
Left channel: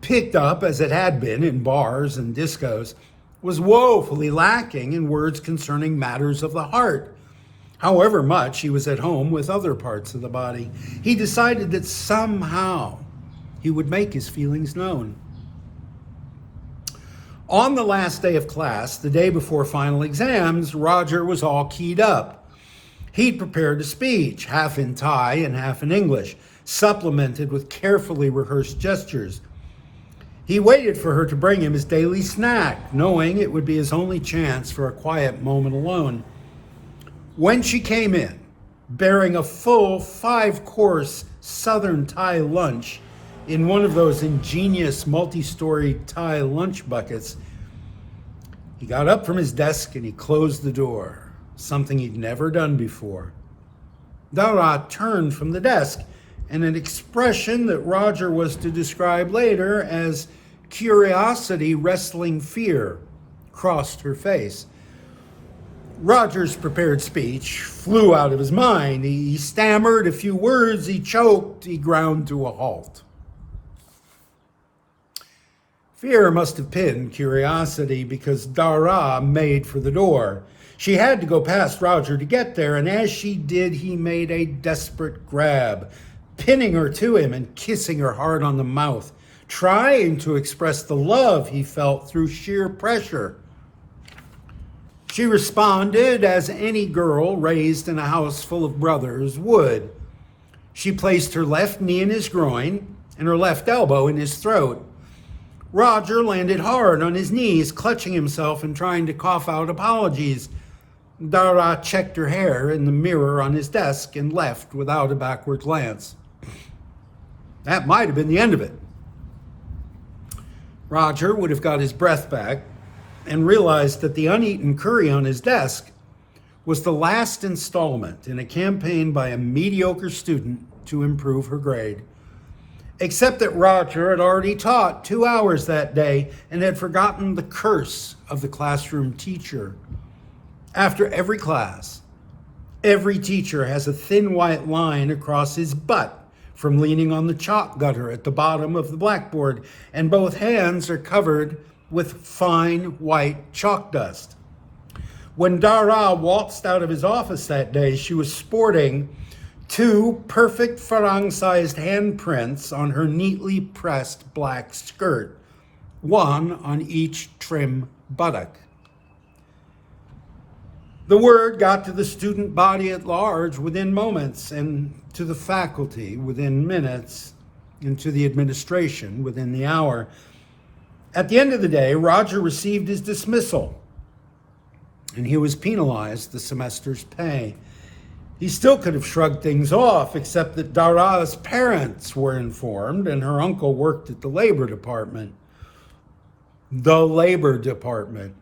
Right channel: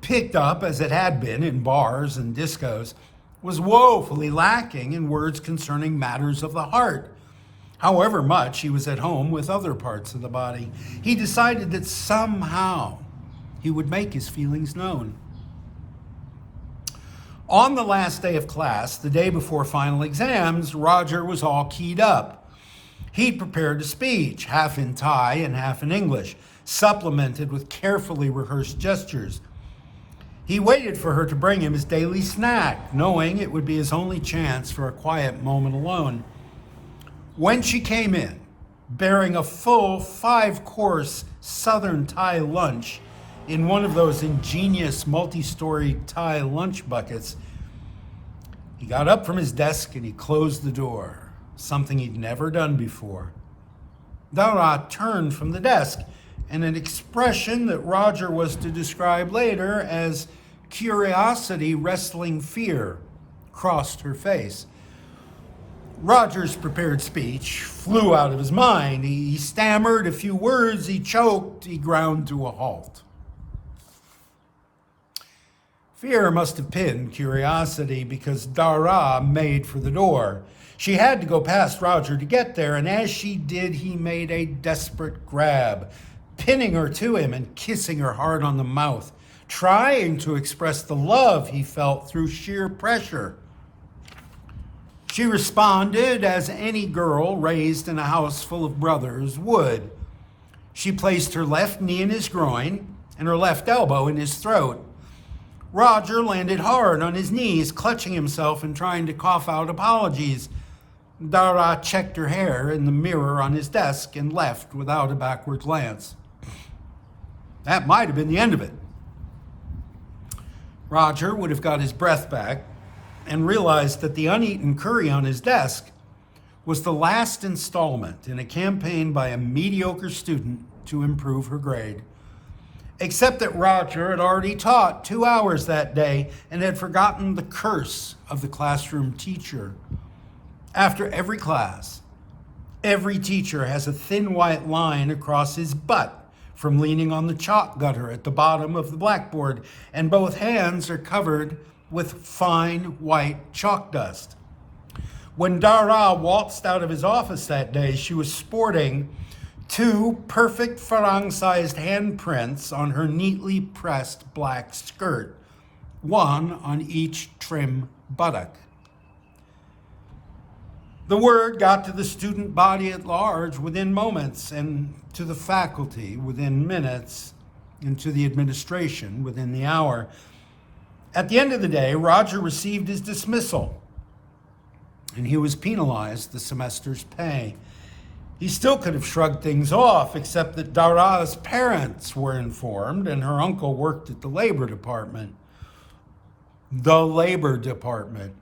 picked up as it had been in bars and discos, was woefully lacking in words concerning matters of the heart. However much he was at home with other parts of the body, he decided that somehow he would make his feelings known. On the last day of class, the day before final exams, Roger was all keyed up. He'd prepared a speech, half in Thai and half in English, supplemented with carefully rehearsed gestures. He waited for her to bring him his daily snack, knowing it would be his only chance for a quiet moment alone. When she came in, bearing a full 5-course Southern Thai lunch in one of those ingenious multi-story Thai lunch buckets, he got up from his desk and he closed the door, something he'd never done before. Dara turned from the desk, and an expression that Roger was to describe later as curiosity wrestling fear crossed her face. Roger's prepared speech flew out of his mind. He stammered a few words, he choked, he ground to a halt. Fear must have pinned curiosity because Dara made for the door. She had to go past Roger to get there, and as she did, he made a desperate grab, pinning her to him and kissing her hard on the mouth, trying to express the love he felt through sheer pressure. She responded as any girl raised in a house full of brothers would. She placed her left knee in his groin and her left elbow in his throat. Roger landed hard on his knees, clutching himself and trying to cough out apologies. Dara checked her hair in the mirror on his desk and left without a backward glance. That might have been the end of it. Roger would have got his breath back and realized that the uneaten curry on his desk was the last installment in a campaign by a mediocre student to improve her grade. Except that Roger had already taught 2 hours that day and had forgotten the curse of the classroom teacher. After every class, every teacher has a thin white line across his butt from leaning on the chalk gutter at the bottom of the blackboard, and both hands are covered with fine white chalk dust. When Dara waltzed out of his office that day, she was sporting 2 perfect Farang-sized handprints on her neatly pressed black skirt, one on each trim buttock. The word got to the student body at large within moments, and to the faculty within minutes, and to the administration within the hour. At the end of the day, Roger received his dismissal, and he was penalized the semester's pay. He still could have shrugged things off, except that Dara's parents were informed, and her uncle worked at the labor department. The labor department.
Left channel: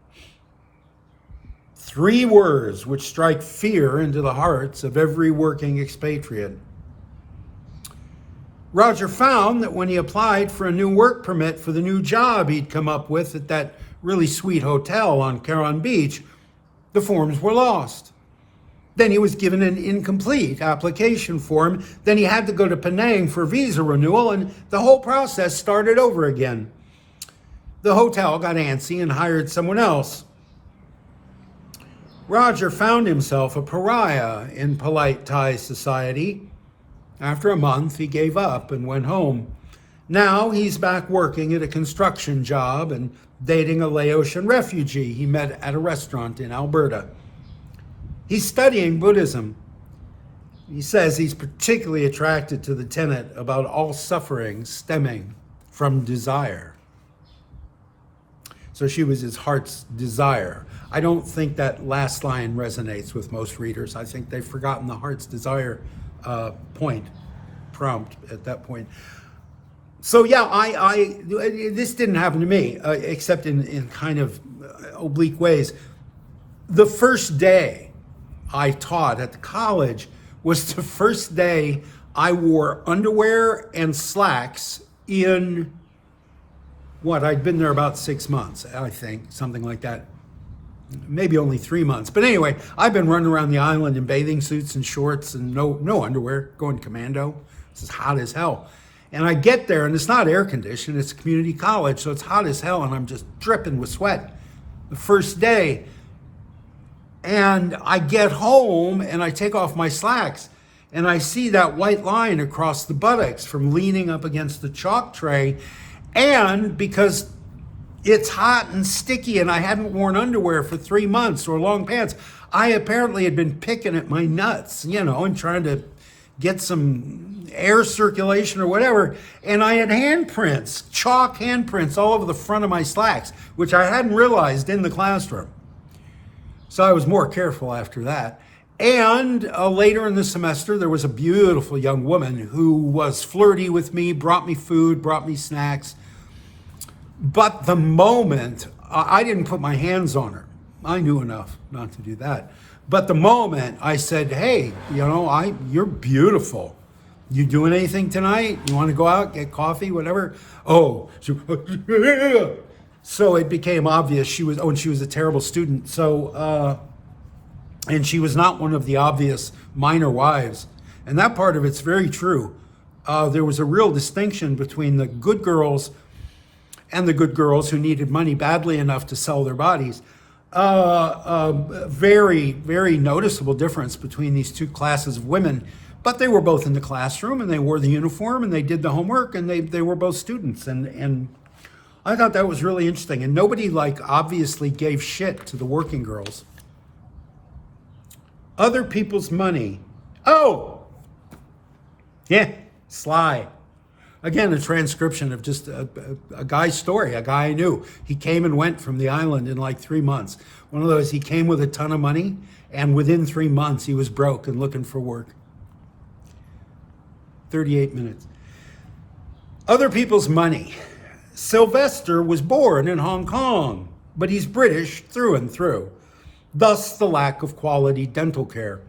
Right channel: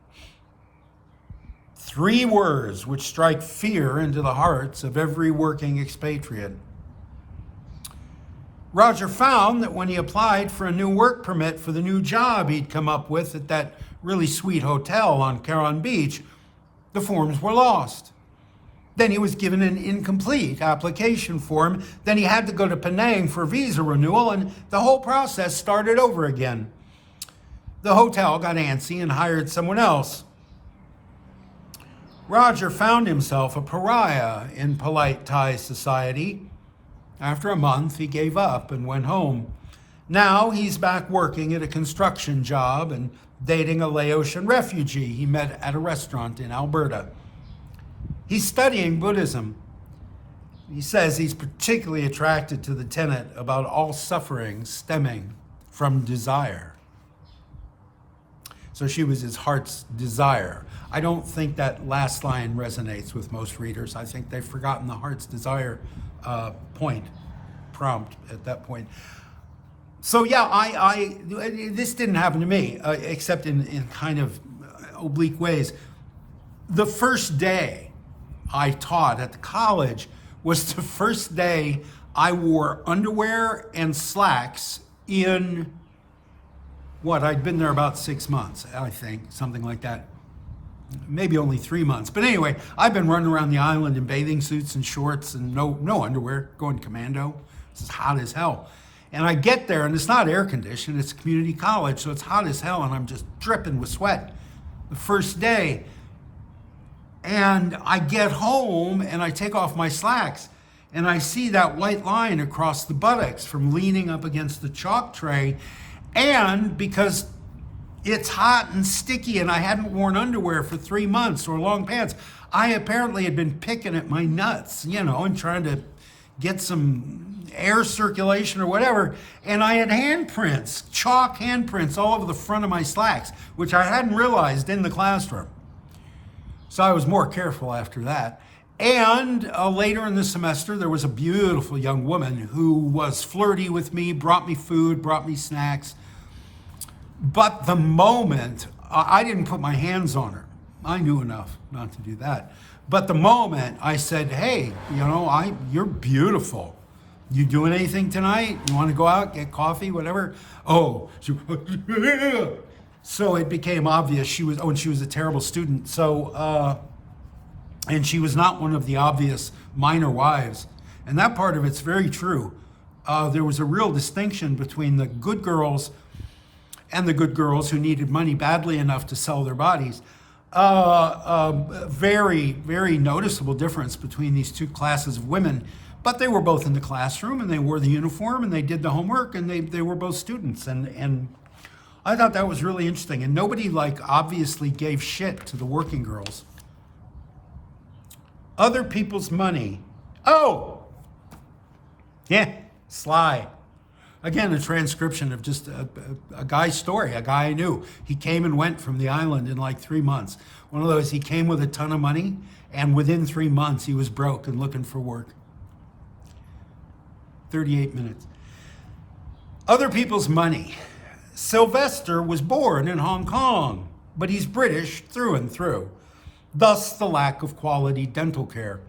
3 words which strike fear into the hearts of every working expatriate. Roger found that when he applied for a new work permit for the new job he'd come up with at that really sweet hotel on Caron Beach, the forms were lost. Then he was given an incomplete application form. Then he had to go to Penang for visa renewal, and the whole process started over again. The hotel got antsy and hired someone else. Roger found himself a pariah in polite Thai society. After a month, he gave up and went home. Now he's back working at a construction job and dating a Laotian refugee he met at a restaurant in Alberta. He's studying Buddhism. He says he's particularly attracted to the tenet about all suffering stemming from desire. So she was his heart's desire. I don't think that last line resonates with most readers. I think they've forgotten the heart's desire prompt at that point. So yeah, this didn't happen to me, except in kind of oblique ways. The first day I taught at the college was the first day I wore underwear and slacks in I'd been there about 6 months, I think, something like that. Maybe only 3 months. But anyway, I've been running around the island in bathing suits and shorts and no underwear, going commando. It's hot as hell. And I get there, and it's not air conditioned, it's community college, so it's hot as hell, and I'm just dripping with sweat the first day. And I get home, and I take off my slacks, and I see that white line across the buttocks from leaning up against the chalk tray. And because it's hot and sticky and I hadn't worn underwear for 3 months or long pants, I apparently had been picking at my nuts, and trying to get some air circulation or whatever. And I had handprints, chalk handprints all over the front of my slacks, which I hadn't realized in the classroom. So I was more careful after that. And later in the semester, there was a beautiful young woman who was flirty with me, brought me food, brought me snacks. But the moment, I didn't put my hands on her. I knew enough not to do that. But the moment I said, hey, you're beautiful. You doing anything tonight? You want to go out, get coffee, whatever? Oh, so it became obvious she was a terrible student. So, and she was not one of the obvious minor wives. And that part of it's very true. There was a real distinction between the good girls and the good girls who needed money badly enough to sell their bodies. Very, very noticeable difference between these two classes of women. But they were both in the classroom, and they wore the uniform, and they did the homework, and they were both students. And I thought that was really interesting. And nobody obviously gave shit to the working girls. Other people's money. Oh! Yeah, Sly. Again, a transcription of just a guy's story, a guy I knew. He came and went from the island in 3 months. One of those, he came with a ton of money, and within 3 months, he was broke and looking for work. 38 minutes. Other people's money. Sylvester was born in Hong Kong, but he's British through and through. Thus, the lack of quality dental care.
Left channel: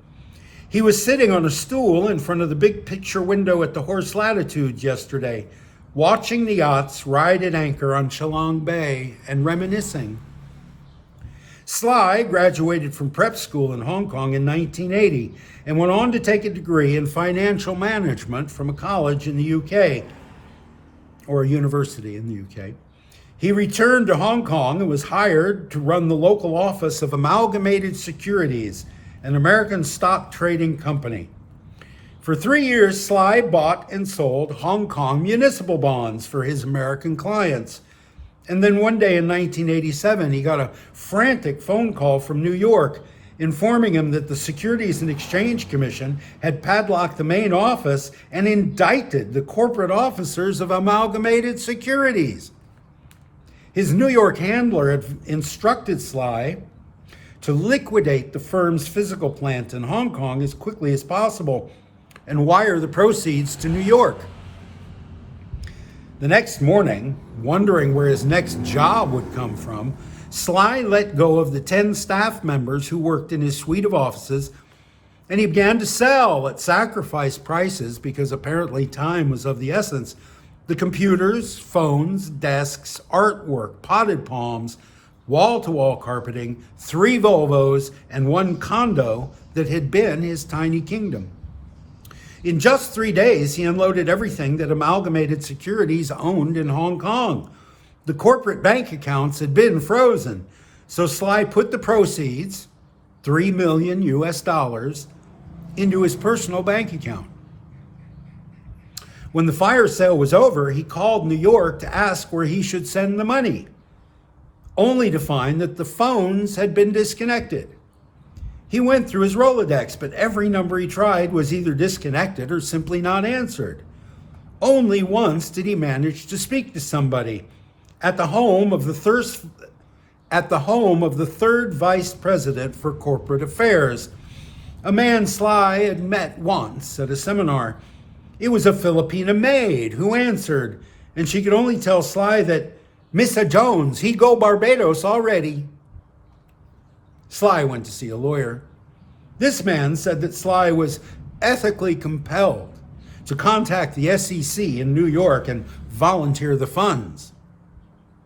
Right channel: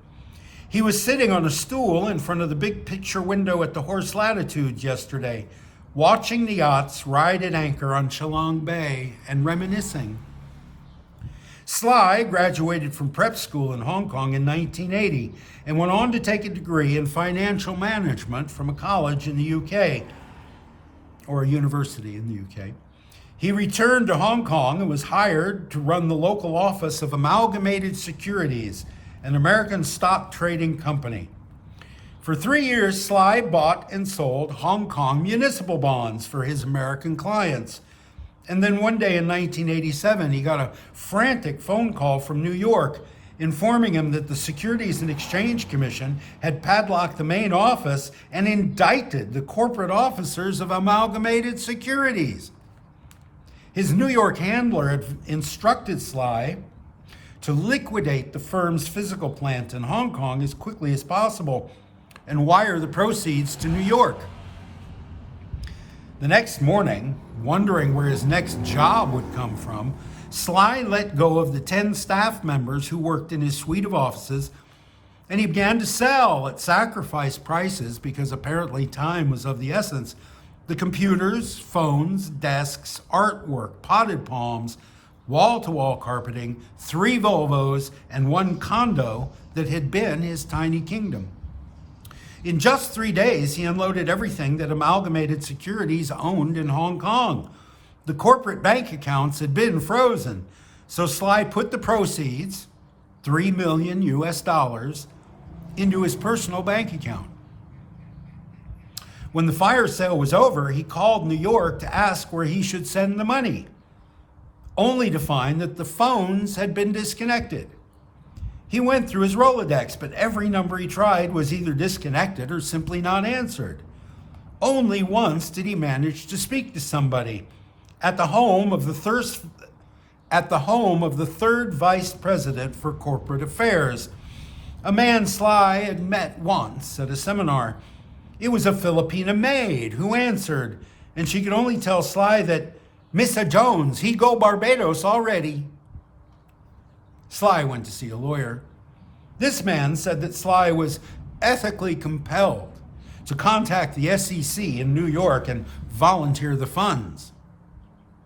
He was sitting on a stool in front of the big picture window at the Horse Latitude yesterday, watching the yachts ride at anchor on Chalong Bay and reminiscing. Sly graduated from prep school in Hong Kong in 1980 and went on to take a degree in financial management from a college in the UK, or a university in the UK. He returned to Hong Kong and was hired to run the local office of Amalgamated Securities, an American stock trading company. For 3 years, Sly bought and sold Hong Kong municipal bonds for his American clients. And then one day in 1987, he got a frantic phone call from New York informing him that the Securities and Exchange Commission had padlocked the main office and indicted the corporate officers of Amalgamated Securities. His New York handler had instructed Sly to liquidate the firm's physical plant in Hong Kong as quickly as possible and wire the proceeds to New York. The next morning, wondering where his next job would come from, Sly let go of the 10 staff members who worked in his suite of offices And he began to sell at sacrifice prices because apparently time was of the essence. The computers, phones, desks, artwork, potted palms, wall-to-wall carpeting, 3 Volvos, and 1 condo that had been his tiny kingdom. In just 3 days, he unloaded everything that Amalgamated Securities owned in Hong Kong. The corporate bank accounts had been frozen, so Sly put the proceeds, $3 million US, into his personal bank account. When the fire sale was over, he called New York to ask where he should send the money, only to find that the phones had been disconnected. He went through his Rolodex, but every number he tried was either disconnected or simply not answered. Only once did he manage to speak to somebody at the home of the third vice president for corporate affairs, a man Sly had met once at a seminar. It was a Filipina maid who answered, and she could only tell Sly that Mr. Jones, he go Barbados already. Sly went to see a lawyer. This man said that Sly was ethically compelled to contact the SEC in New York and volunteer the funds.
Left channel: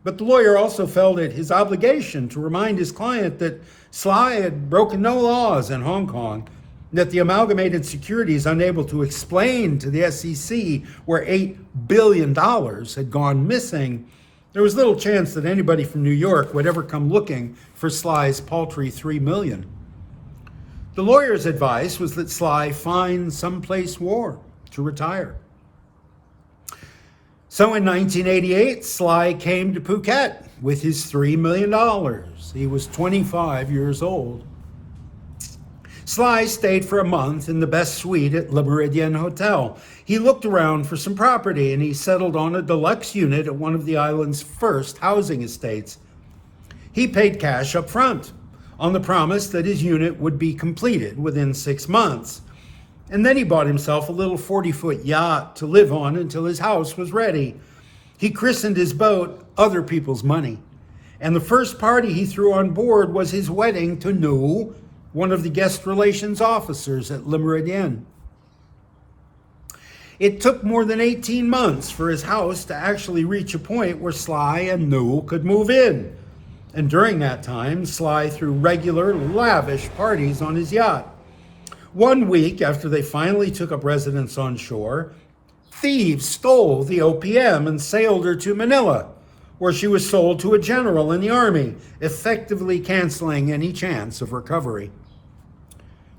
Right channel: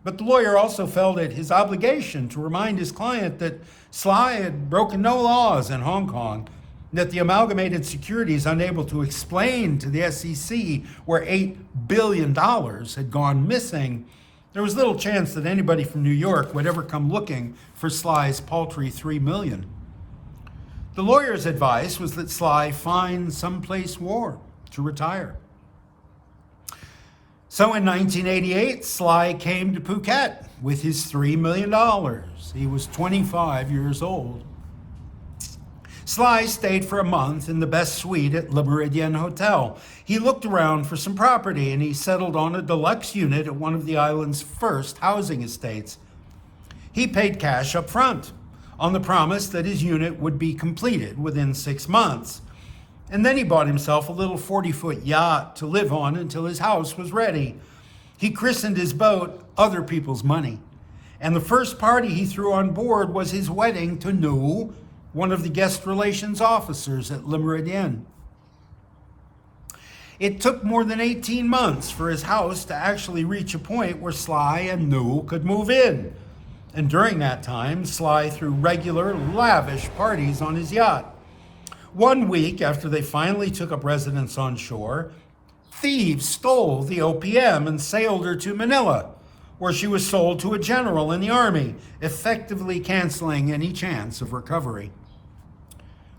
But the lawyer also felt it his obligation to remind his client that Sly had broken no laws in Hong Kong, that the Amalgamated Securities, unable to explain to the SEC where $8 billion had gone missing, there was little chance that anybody from New York would ever come looking for Sly's paltry $3 million. The lawyer's advice was that Sly find someplace warm to retire. So in 1988, Sly came to Phuket with his $3 million. He was 25 years old. Sly stayed for a month in the best suite at Le Méridien Hotel. He looked around for some property and he settled on a deluxe unit at one of the island's first housing estates. He paid cash up front on the promise that his unit would be completed within 6 months. And then he bought himself a little 40-foot yacht to live on until his house was ready. He christened his boat Other People's Money. And the first party he threw on board was his wedding to Nu, one of the guest relations officers at Le Méridien. It took more than 18 months for his house to actually reach a point where Sly and Nu could move in. And during that time, Sly threw regular, lavish parties on his yacht. 1 week after they finally took up residence on shore, thieves stole the OPM and sailed her to Manila, where she was sold to a general in the army, effectively canceling any chance of recovery.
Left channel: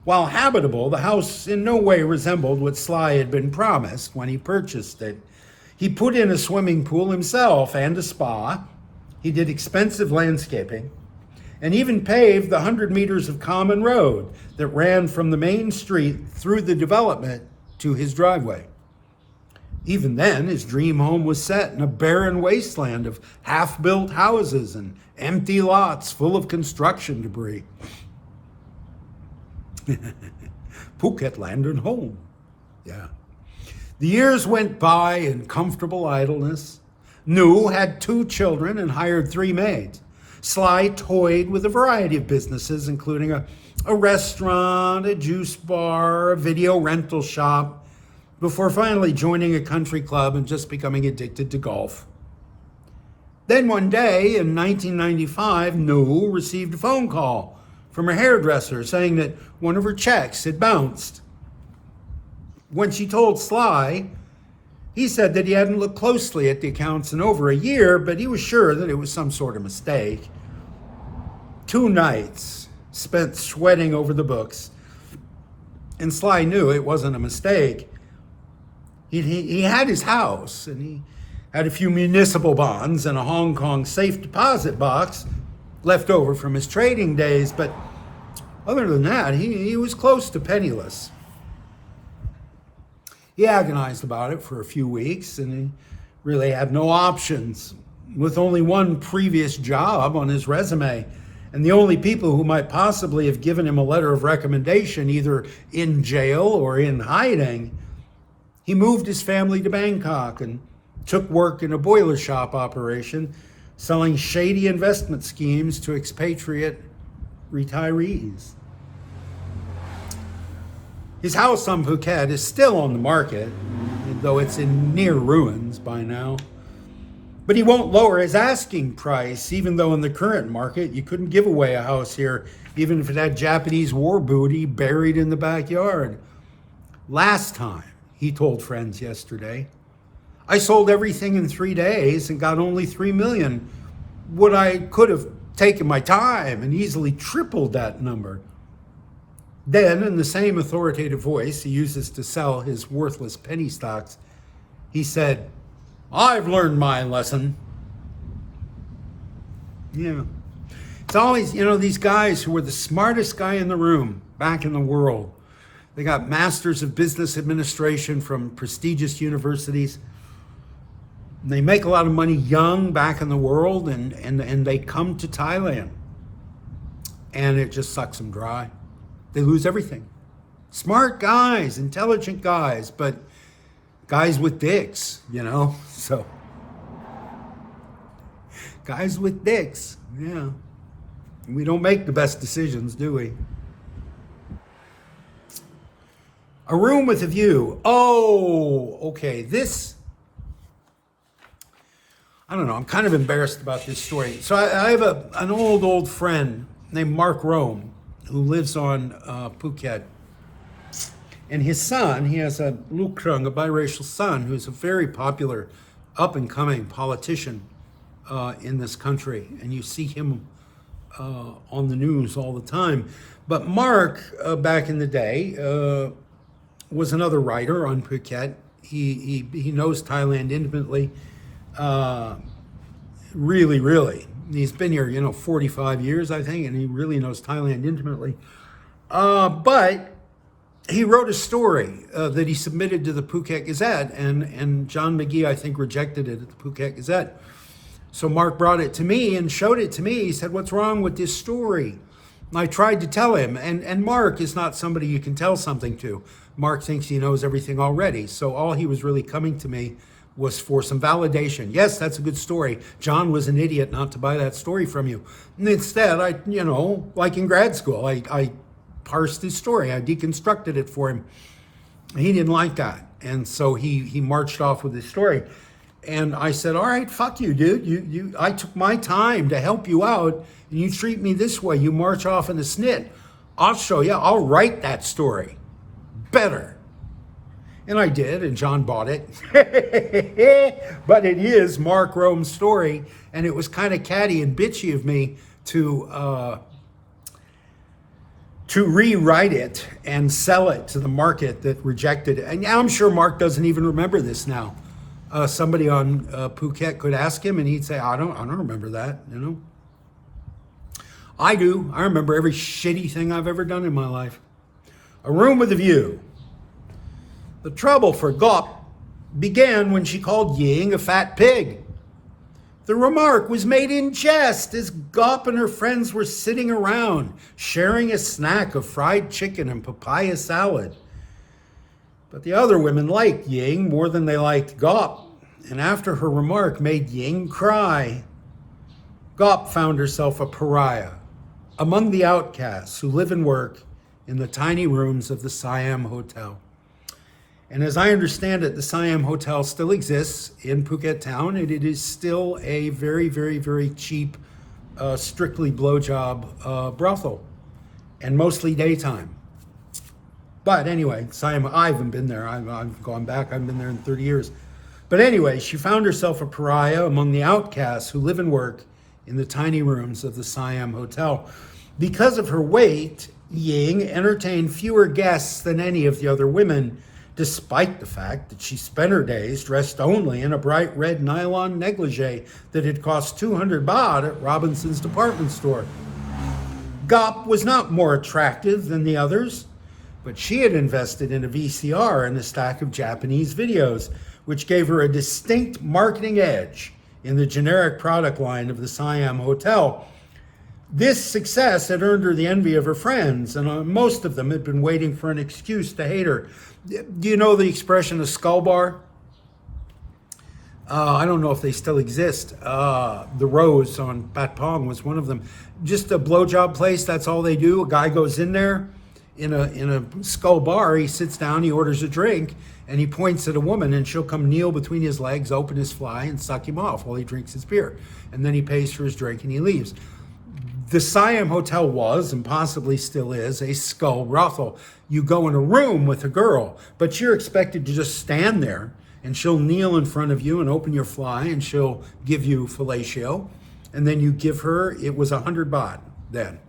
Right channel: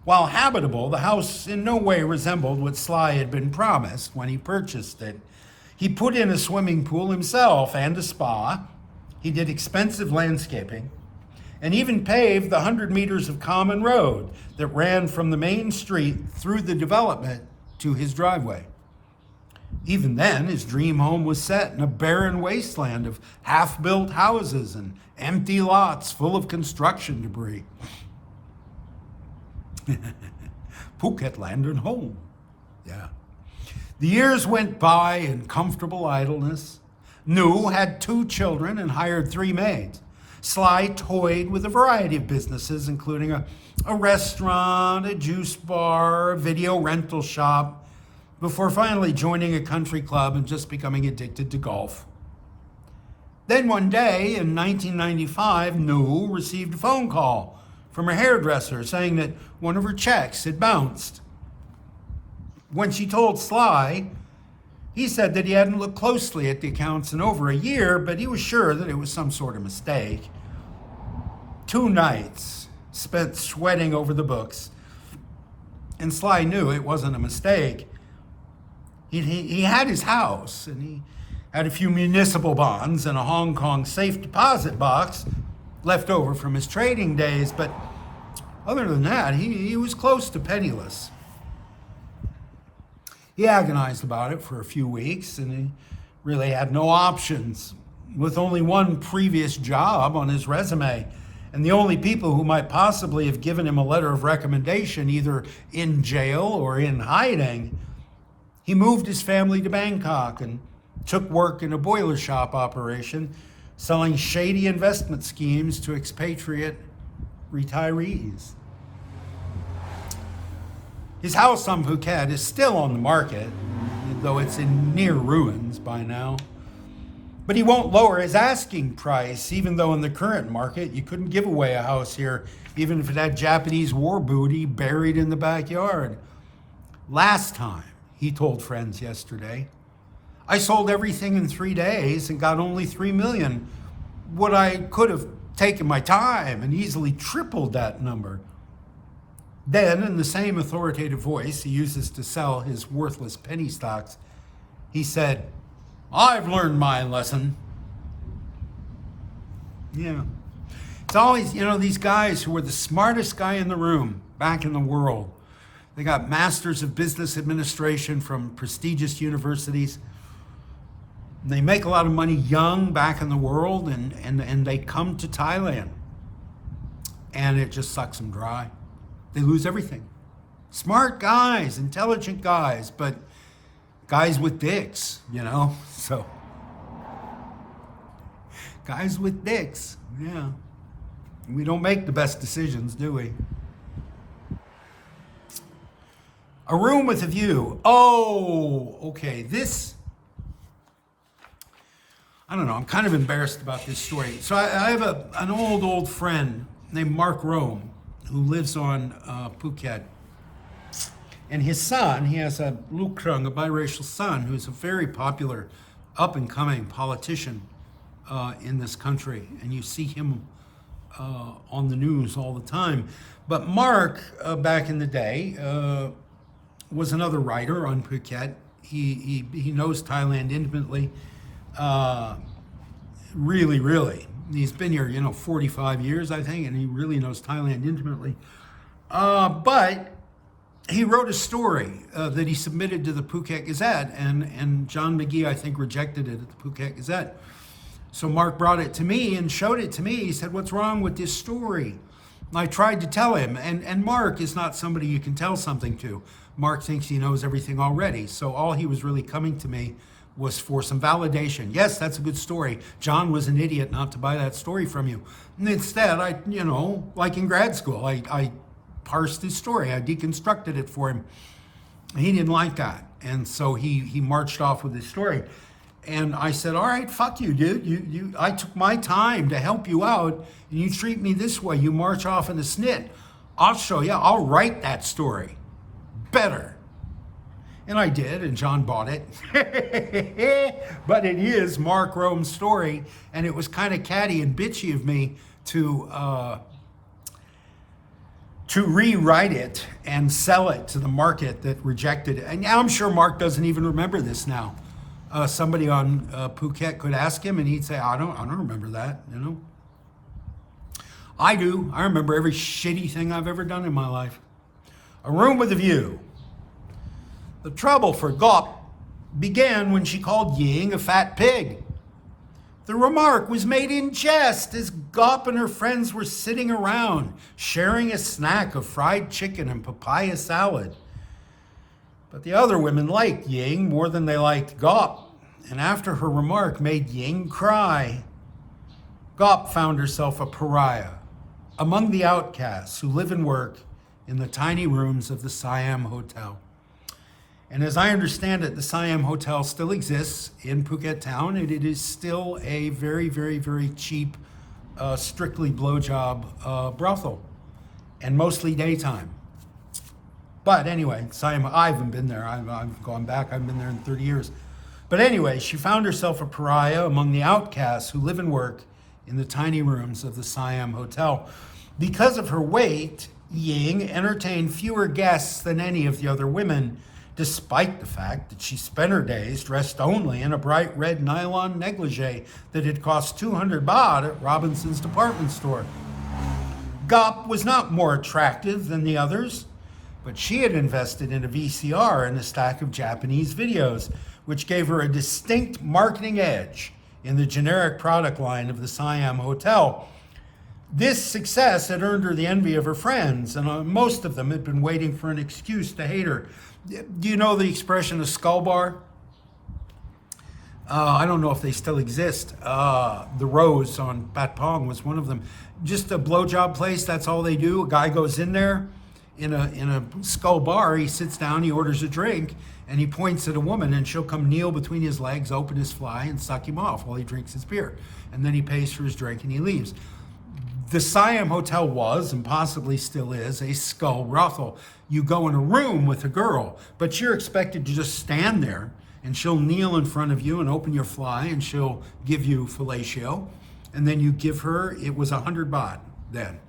While habitable, the house in no way resembled what Sly had been promised when he purchased it. He put in a swimming pool himself and a spa. He did expensive landscaping and even paved the 100 meters of common road that ran from the main street through the development to his driveway. Even then, his dream home was set in a barren wasteland of half-built houses and empty lots full of construction debris. Phuket land and home. Yeah. The years went by in comfortable idleness. Nu had 2 children and hired 3 maids. Sly toyed with a variety of businesses, including a restaurant, a juice bar, a video rental shop, before finally joining a country club and just becoming addicted to golf. Then one day in 1995, Nu received a phone call from her hairdresser saying that one of her checks had bounced. When she told Sly, he said that he hadn't looked closely at the accounts in over a year, but he was sure that it was some sort of mistake. 2 nights spent sweating over the books, and Sly knew it wasn't a mistake. He had his house, and he had a few municipal bonds and a Hong Kong safe deposit box left over from his trading days, but other than that, he was close to penniless. He agonized about it for a few weeks, and he really had no options, with only one previous job on his resume, and the only people who might possibly have given him a letter of recommendation, either in jail or in hiding. He moved his family to Bangkok and took work in a boiler shop operation, selling shady investment schemes to expatriate retirees. His house on Phuket is still on the market, though it's in near ruins by now. But he won't lower his asking price, even though in the current market you couldn't give away a house here, even if it had Japanese war booty buried in the backyard. Last time, he told friends yesterday, I sold everything in 3 days and got only $3 million. What I could have taken my time and easily tripled that number. Then, in the same authoritative voice he uses to sell his worthless penny stocks, he said, I've learned my lesson. Yeah. It's always, these guys who were the smartest guy in the room back in the world. They got masters of business administration from prestigious universities. They make a lot of money young back in the world, and they come to Thailand. And it just sucks them dry. They lose everything. Smart guys, intelligent guys, but guys with dicks, so. Guys with dicks, yeah. We don't make the best decisions, do we? A room with a view. Oh, okay, I don't know, I'm kind of embarrassed about this story. So I have an old friend named Mark Rome who lives on Phuket. And his son, he has a Lukrung, a biracial son, who's a very popular up-and-coming politician in this country. And you see him on the news all the time. But Mark, back in the day, was another writer on Phuket. He knows Thailand intimately. Really. He's been here, 45 years, I think, and he really knows Thailand intimately. But he wrote a story that he submitted to the Phuket Gazette, and John McGee, I think, rejected it at the Phuket Gazette. So Mark brought it to me and showed it to me. He said, what's wrong with this story? And I tried to tell him, and Mark is not somebody you can tell something to. Mark thinks he knows everything already. So all he was really coming to me was for some validation. Yes, that's a good story. John was an idiot not to buy that story from you. And instead, like in grad school, I parsed his story. I deconstructed it for him. He didn't like that. And so he marched off with his story. And I said, all right, fuck you, dude. I took my time to help you out, and you treat me this way. You march off in a snit. I'll show you. I'll write that story better. And I did, and John bought it. But it is Mark Rome's story, and it was kind of catty and bitchy of me to rewrite it and sell it to the market that rejected it. And I'm sure Mark doesn't even remember this now. Somebody on Phuket could ask him, and he'd say, I don't remember that, I do. I remember every shitty thing I've ever done in my life. A room with a view. The trouble for Gop began when she called Ying a fat pig. The remark was made in jest as Gop and her friends were sitting around, sharing a snack of fried chicken and papaya salad. But the other women liked Ying more than they liked Gop, and after her remark made Ying cry, Gop found herself a pariah among the outcasts who live and work in the tiny rooms of the Siam Hotel. And as I understand it, the Siam Hotel still exists in Phuket town, and it is still a very, very, very cheap, strictly blowjob brothel, and mostly daytime. But anyway, Siam, I haven't been there. I've gone back. I haven't been there in 30 years. But anyway, she found herself a pariah among the outcasts who live and work in the tiny rooms of the Siam Hotel. Because of her weight, Ying entertained fewer guests than any of the other women, despite the fact that she spent her days dressed only in a bright red nylon negligee that had cost 200 baht at Robinson's department store. Gop was not more attractive than the others, but she had invested in a VCR and a stack of Japanese videos, which gave her a distinct marketing edge in the generic product line of the Siam Hotel. This success had earned her the envy of her friends, and most of them had been waiting for an excuse to hate her. Do you know the expression a skull bar? I don't know if they still exist. The Rose on Pat Pong was one of them. Just a blowjob place, that's all they do. A guy goes in there in a Skull bar. He sits down, he orders a drink, and he points at a woman, and she'll come kneel between his legs, open his fly, and suck him off while he drinks his beer. And then he pays for his drink and he leaves. The Siam Hotel was, and possibly still is, a skull brothel. You go in a room with a girl, but you're expected to just stand there, and she'll kneel in front of you and open your fly, and she'll give you fellatio, and then you give her, it was 100 baht then,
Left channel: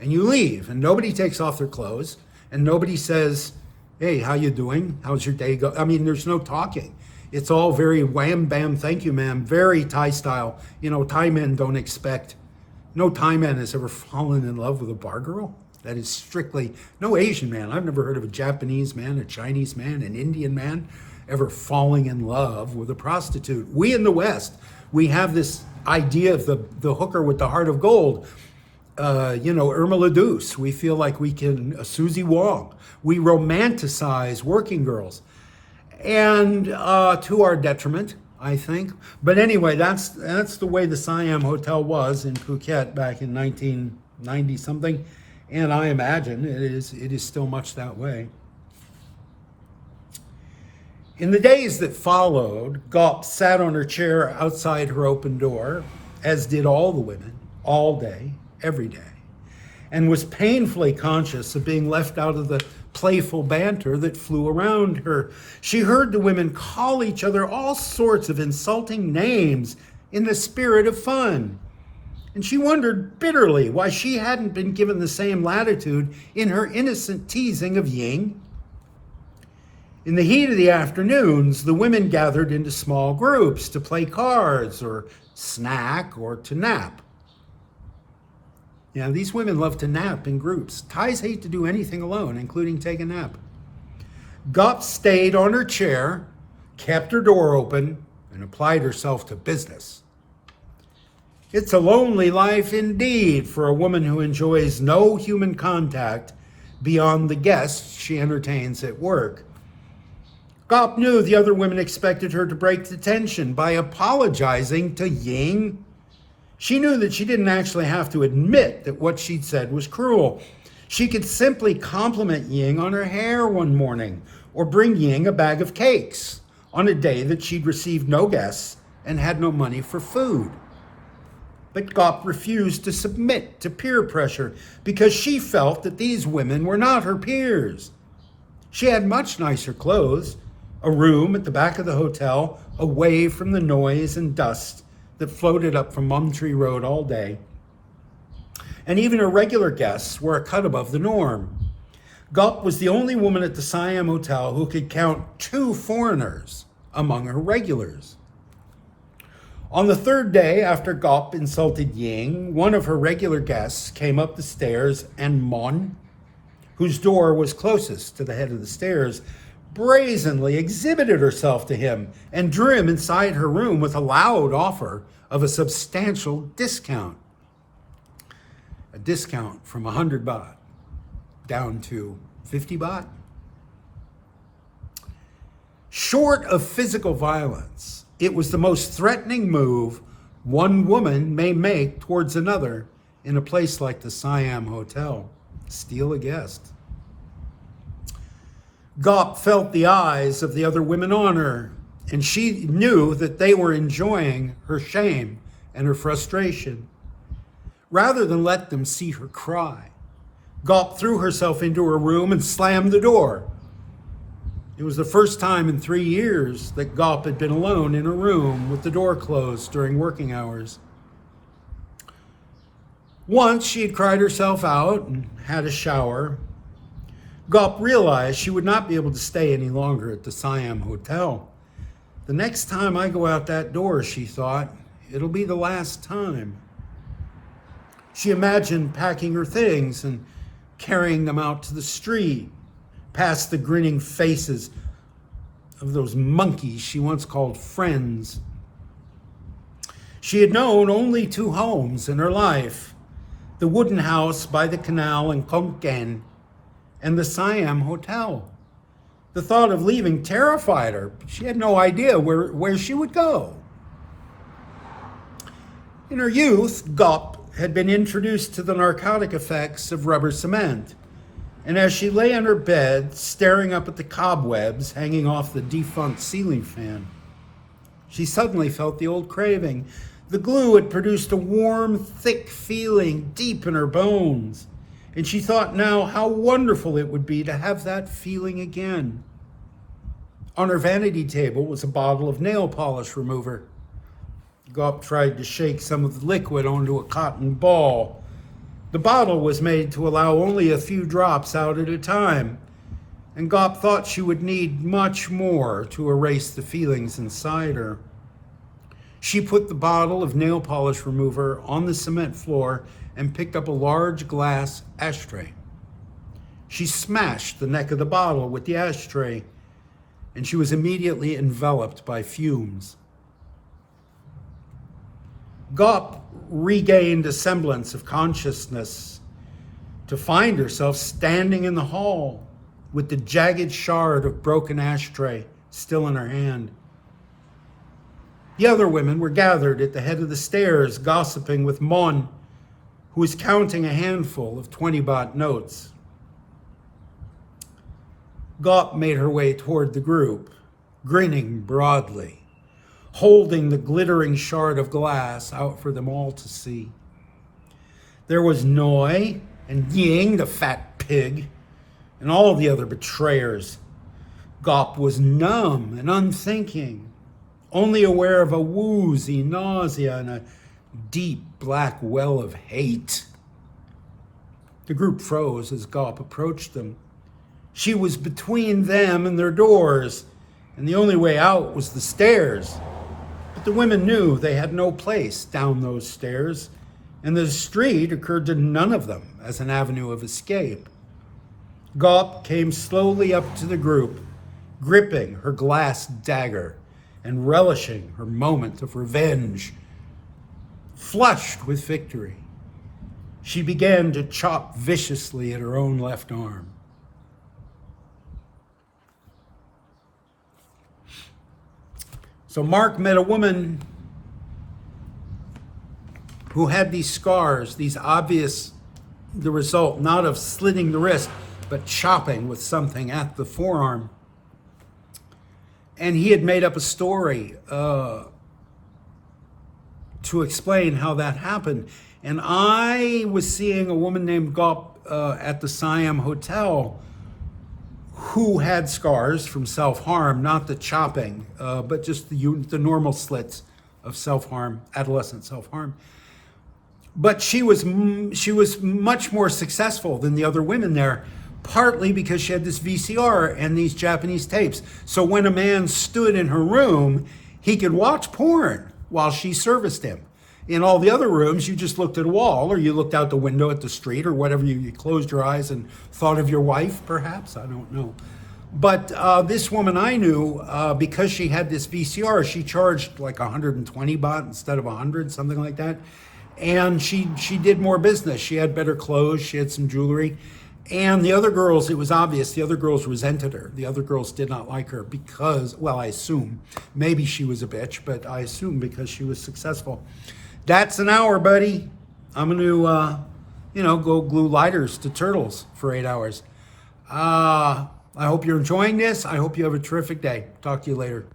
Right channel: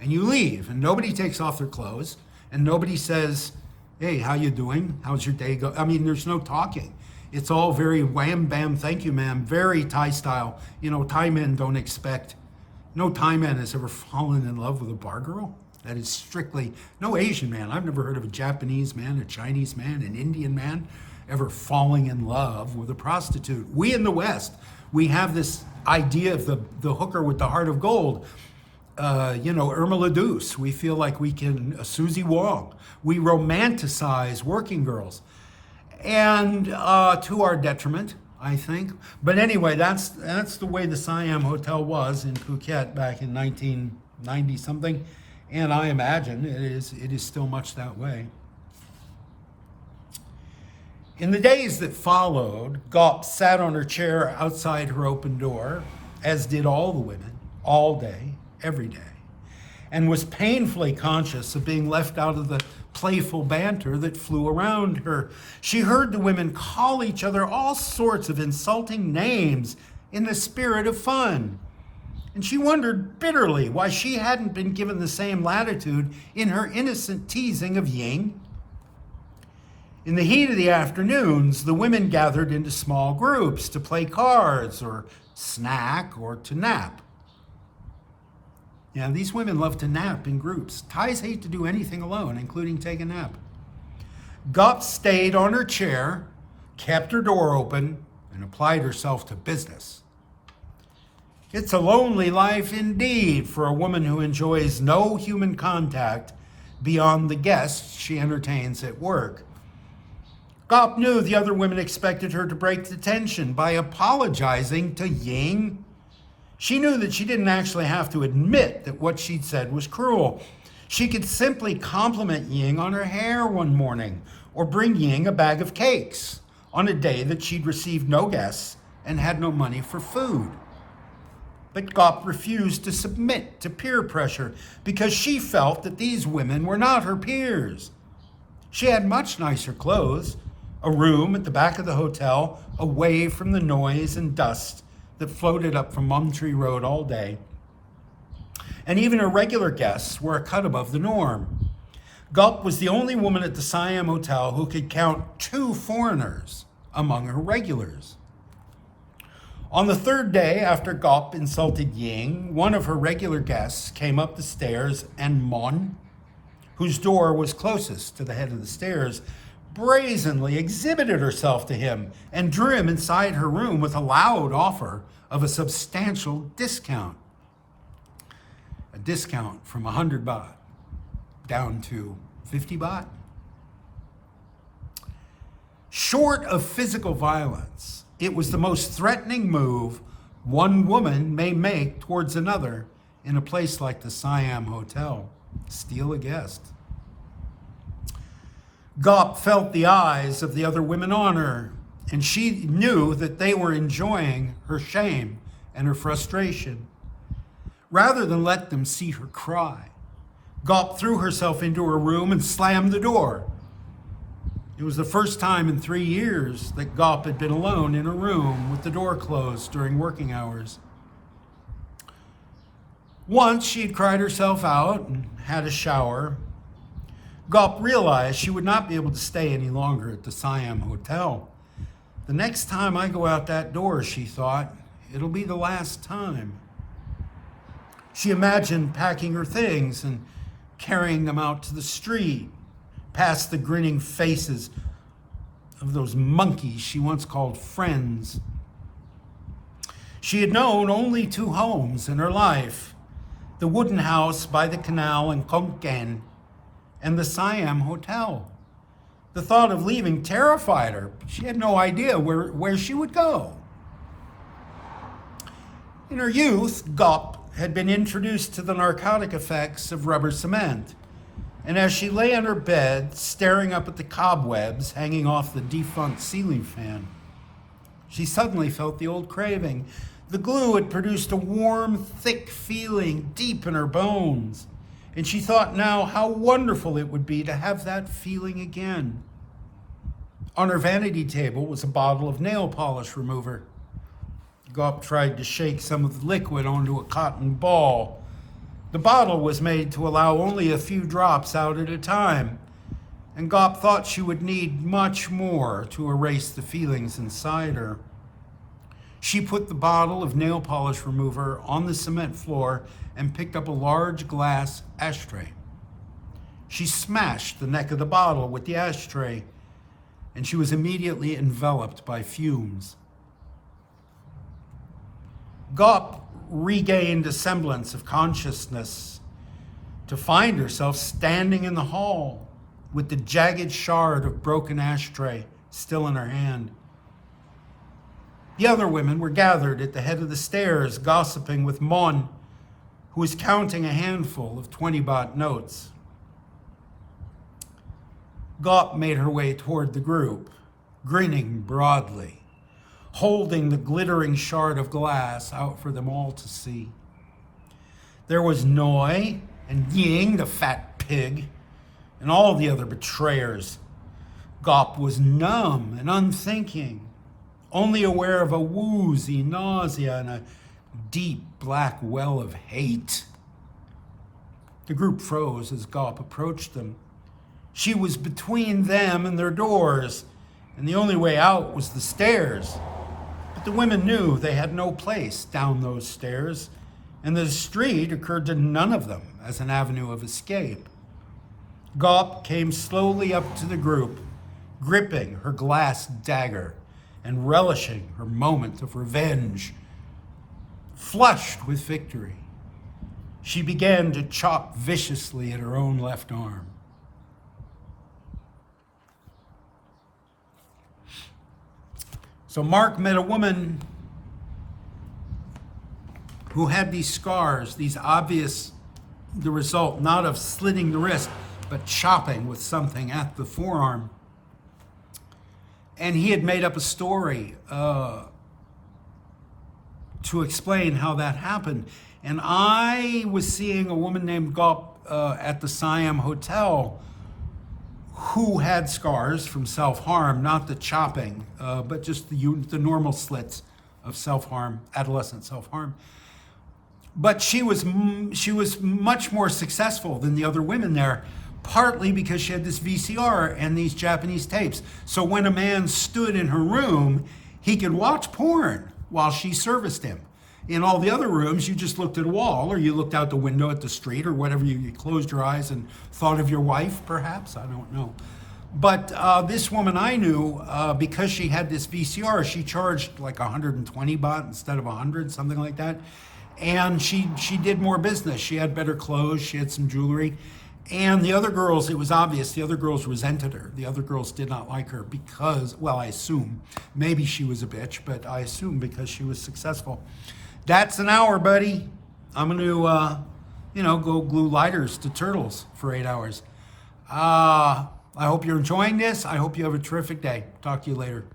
and you leave, and nobody takes off their clothes, and nobody says, hey, how you doing? How's your day go? I mean, there's no talking. It's all very wham, bam, thank you, ma'am, very Thai style. You know, Thai men don't expect, no Thai man has ever fallen in love with a bar girl. That is strictly, no Asian man. I've never heard of a Japanese man, a Chinese man, an Indian man ever falling in love with a prostitute. We in the West, we have this idea of the hooker with the heart of gold. Irma LaDouce. We feel like we can, Susie Wong. We romanticize working girls. And to our detriment, I think. But anyway, that's the way the Siam Hotel was in Phuket back in 1990 something. And I imagine it is still much that way. In the days that followed, Gop sat on her chair outside her open door, as did all the women, all day, every day, and was painfully conscious of being left out of the playful banter that flew around her. She heard the women call each other all sorts of insulting names in the spirit of fun. And she wondered bitterly why she hadn't been given the same latitude in her innocent teasing of Ying. In the heat of the afternoons, the women gathered into small groups to play cards or snack or to nap. Yeah, these women love to nap in groups. Thais hate to do anything alone, including take a nap. Gop stayed on her chair, kept her door open, and applied herself to business. It's a lonely life indeed for a woman who enjoys no human contact beyond the guests she entertains at work. Gop knew the other women expected her to break the tension by apologizing to Ying. She knew that she didn't actually have to admit that what she'd said was cruel. She could simply compliment Ying on her hair one morning, or bring Ying a bag of cakes on a day that she'd received no guests and had no money for food. But Gop refused to submit to peer pressure because she felt that these women were not her peers. She had much nicer clothes, a room at the back of the hotel away from the noise and dust that floated up from Mum Tree Road all day. And even her regular guests were a cut above the norm. Gop was the only woman at the Siam Hotel who could count 2 foreigners among her regulars. On the third day after Gop insulted Ying, one of her regular guests came up the stairs, and Mon, whose door was closest to the head of the stairs, brazenly exhibited herself to him and drew him inside her room with a loud offer of a substantial discount. A discount from 100 baht down to 50 baht. Short of physical violence, it was the most threatening move one woman may make towards another in a place like the Siam Hotel. Steal a guest. Gop felt the eyes of the other women on her, and she knew that they were enjoying her shame and her frustration. Rather than let them see her cry, Gop threw herself into her room and slammed the door. It was the first time in 3 years that Gop had been alone in a room with the door closed during working hours. Once she had cried herself out and had a shower. Gop realized she would not be able to stay any longer at the Siam Hotel. The next time I go out that door, she thought, it'll be the last time. She imagined packing her things and carrying them out to the street, past the grinning faces of those monkeys she once called friends. She had known only 2 homes in her life, the wooden house by the canal in Khon Kaen and the Siam Hotel. The thought of leaving terrified her. She had no idea where she would go. In her youth, Gop had been introduced to the narcotic effects of rubber cement. And as she lay on her bed, staring up at the cobwebs hanging off the defunct ceiling fan, she suddenly felt the old craving. The glue had produced a warm, thick feeling deep in her bones. And she thought now how wonderful it would be to have that feeling again. On her vanity table was a bottle of nail polish remover. Gaup tried to shake some of the liquid onto a cotton ball. The bottle was made to allow only a few drops out at a time, and Gaup thought she would need much more to erase the feelings inside her. She put the bottle of nail polish remover on the cement floor and picked up a large glass ashtray. She smashed the neck of the bottle with the ashtray, and she was immediately enveloped by fumes. Gaup regained a semblance of consciousness to find herself standing in the hall with the jagged shard of broken ashtray still in her hand. The other women were gathered at the head of the stairs, gossiping with Mon, who was counting a handful of 20-baht notes. Gaup made her way toward the group, grinning broadly, holding the glittering shard of glass out for them all to see. There was Noi and Ying, the fat pig, and all the other betrayers. Gaup was numb and unthinking, only aware of a woozy nausea and a deep black well of hate. The group froze as Gaup approached them. She was between them and their doors, and the only way out was the stairs. But the women knew they had no place down those stairs, and the street occurred to none of them as an avenue of escape. Gaup came slowly up to the group, gripping her glass dagger and relishing her moment of revenge. Flushed with victory, she began to chop viciously at her own left arm. So Mark met a woman who had these scars, these obvious, the result not of slitting the wrist, but chopping with something at the forearm. And he had made up a story to explain how that happened. And I was seeing a woman named Gaup at the Siam Hotel who had scars from self-harm, not the chopping, but just the normal slits of self-harm, adolescent self-harm. But she was much more successful than the other women there, partly because she had this VCR and these Japanese tapes. So when a man stood in her room, he could watch porn while she serviced him. In all the other rooms, you just looked at a wall, or you looked out the window at the street, or whatever. You closed your eyes and thought of your wife, perhaps. I don't know. But this woman I knew, because she had this VCR, she charged like 120 baht instead of 100, something like that. And she did more business. She had better clothes. She had some jewelry. And the other girls, it was obvious, the other girls resented her. The other girls did not like her because, well, I assume, maybe she was a bitch, but I assume because she was successful. That's an hour, buddy. I'm going to, go glue lighters to turtles for 8 hours. I hope you're enjoying this. I hope you have a terrific day. Talk to you later.